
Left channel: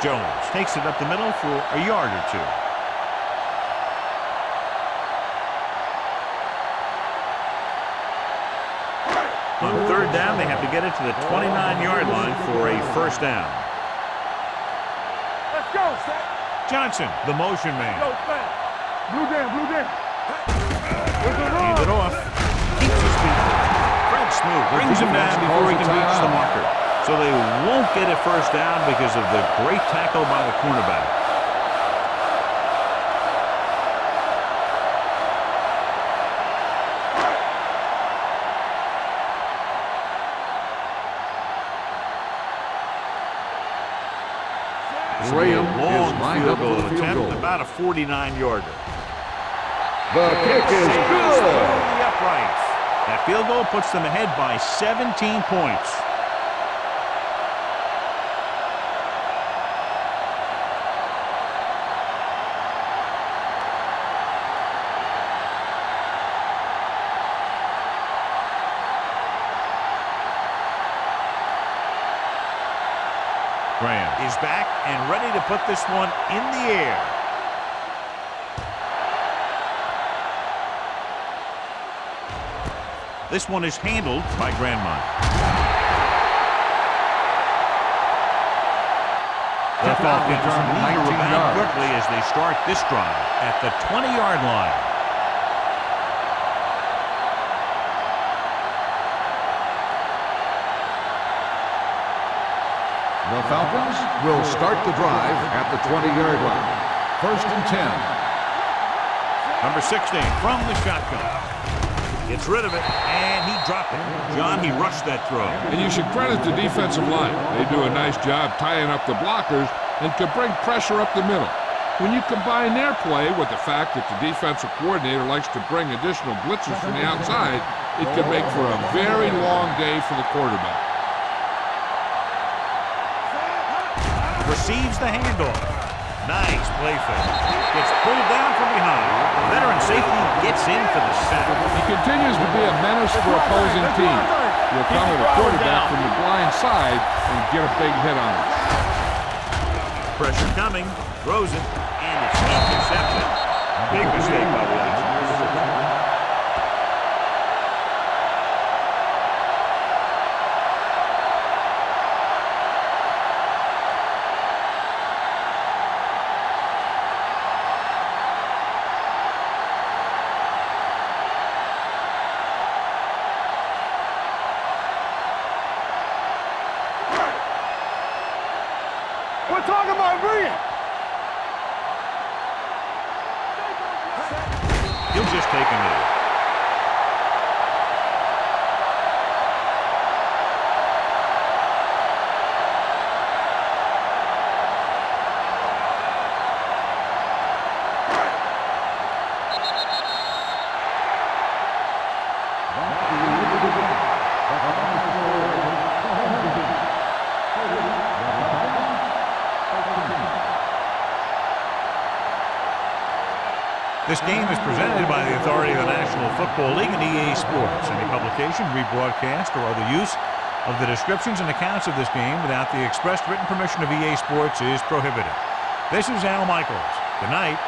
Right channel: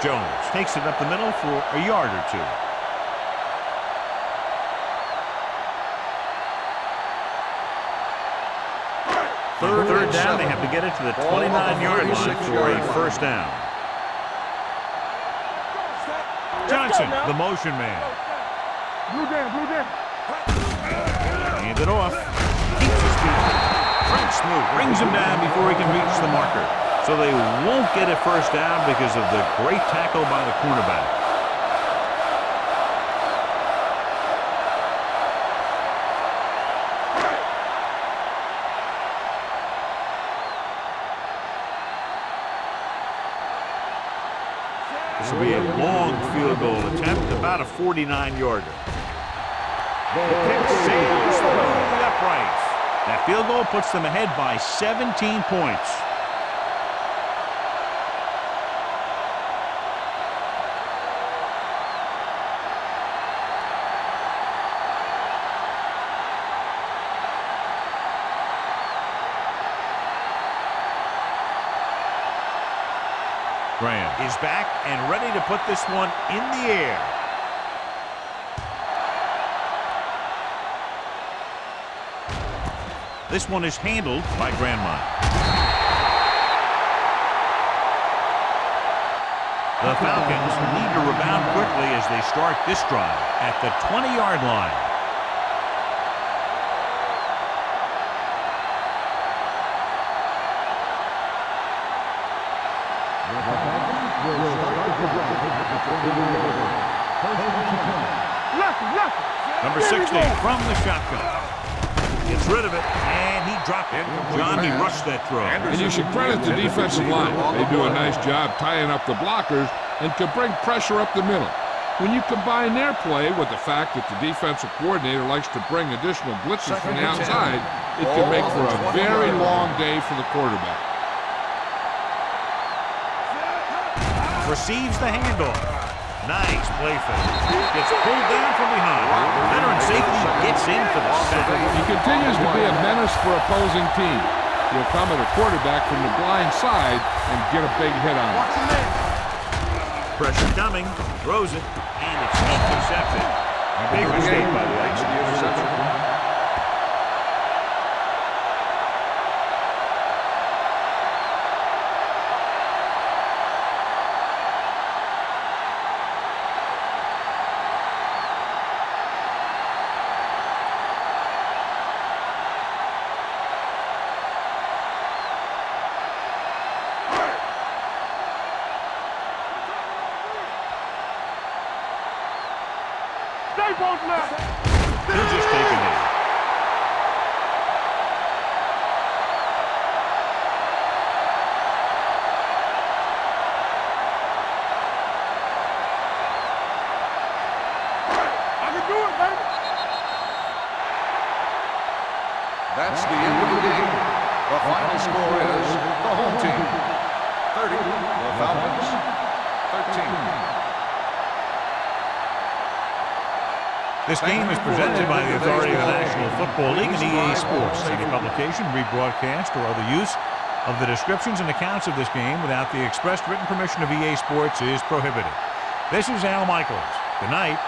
Jones takes it up the middle for a yard or 2. On third down, they have to get it to the 29-yard line for a first down. Johnson, the motion man. Blue jam, blue jam. Hand it off. Keeps his feet. Fred Smoot brings him down before he can reach the marker. So they won't get a first down because of the great tackle by the cornerback. This will be a long field goal attempt, about a 49-yarder. The kick sails through the uprights. That field goal puts them ahead by 17 points. Graham is back and ready to put this one in the air. This one is handled by Grandmont. The Falcons need to rebound quickly as they start this drive at the 20-yard line. The Falcons will start the drive at the 20-yard line. First and 10. Number 16 from the shotgun. Gets rid of it, and he dropped it. John, he rushed that throw. And you should credit the defensive line. They do a nice job tying up the blockers and can bring pressure up the middle. When you combine their play with the fact that the defensive coordinator likes to bring additional blitzes from the outside, it can make for a very long day for the quarterback. Receives the handoff. Nice play fake. Gets pulled down from behind. Veteran safety gets in for the sack. He continues to be a menace for opposing teams. He'll come at a quarterback from the blind side and get a big hit on him. Pressure coming. Throws it, and it's intercepted. Big mistake by the Icing. We're talking about Reed. He'll just take a knee. That's the end of the game. The final score is the home team 30, the Falcons 13. This game is presented by the authority of the National Football League and EA Sports. Any publication, rebroadcast, or other use of the descriptions and accounts of this game without the expressed written permission of EA Sports is prohibited. This is Al Michaels. Good night.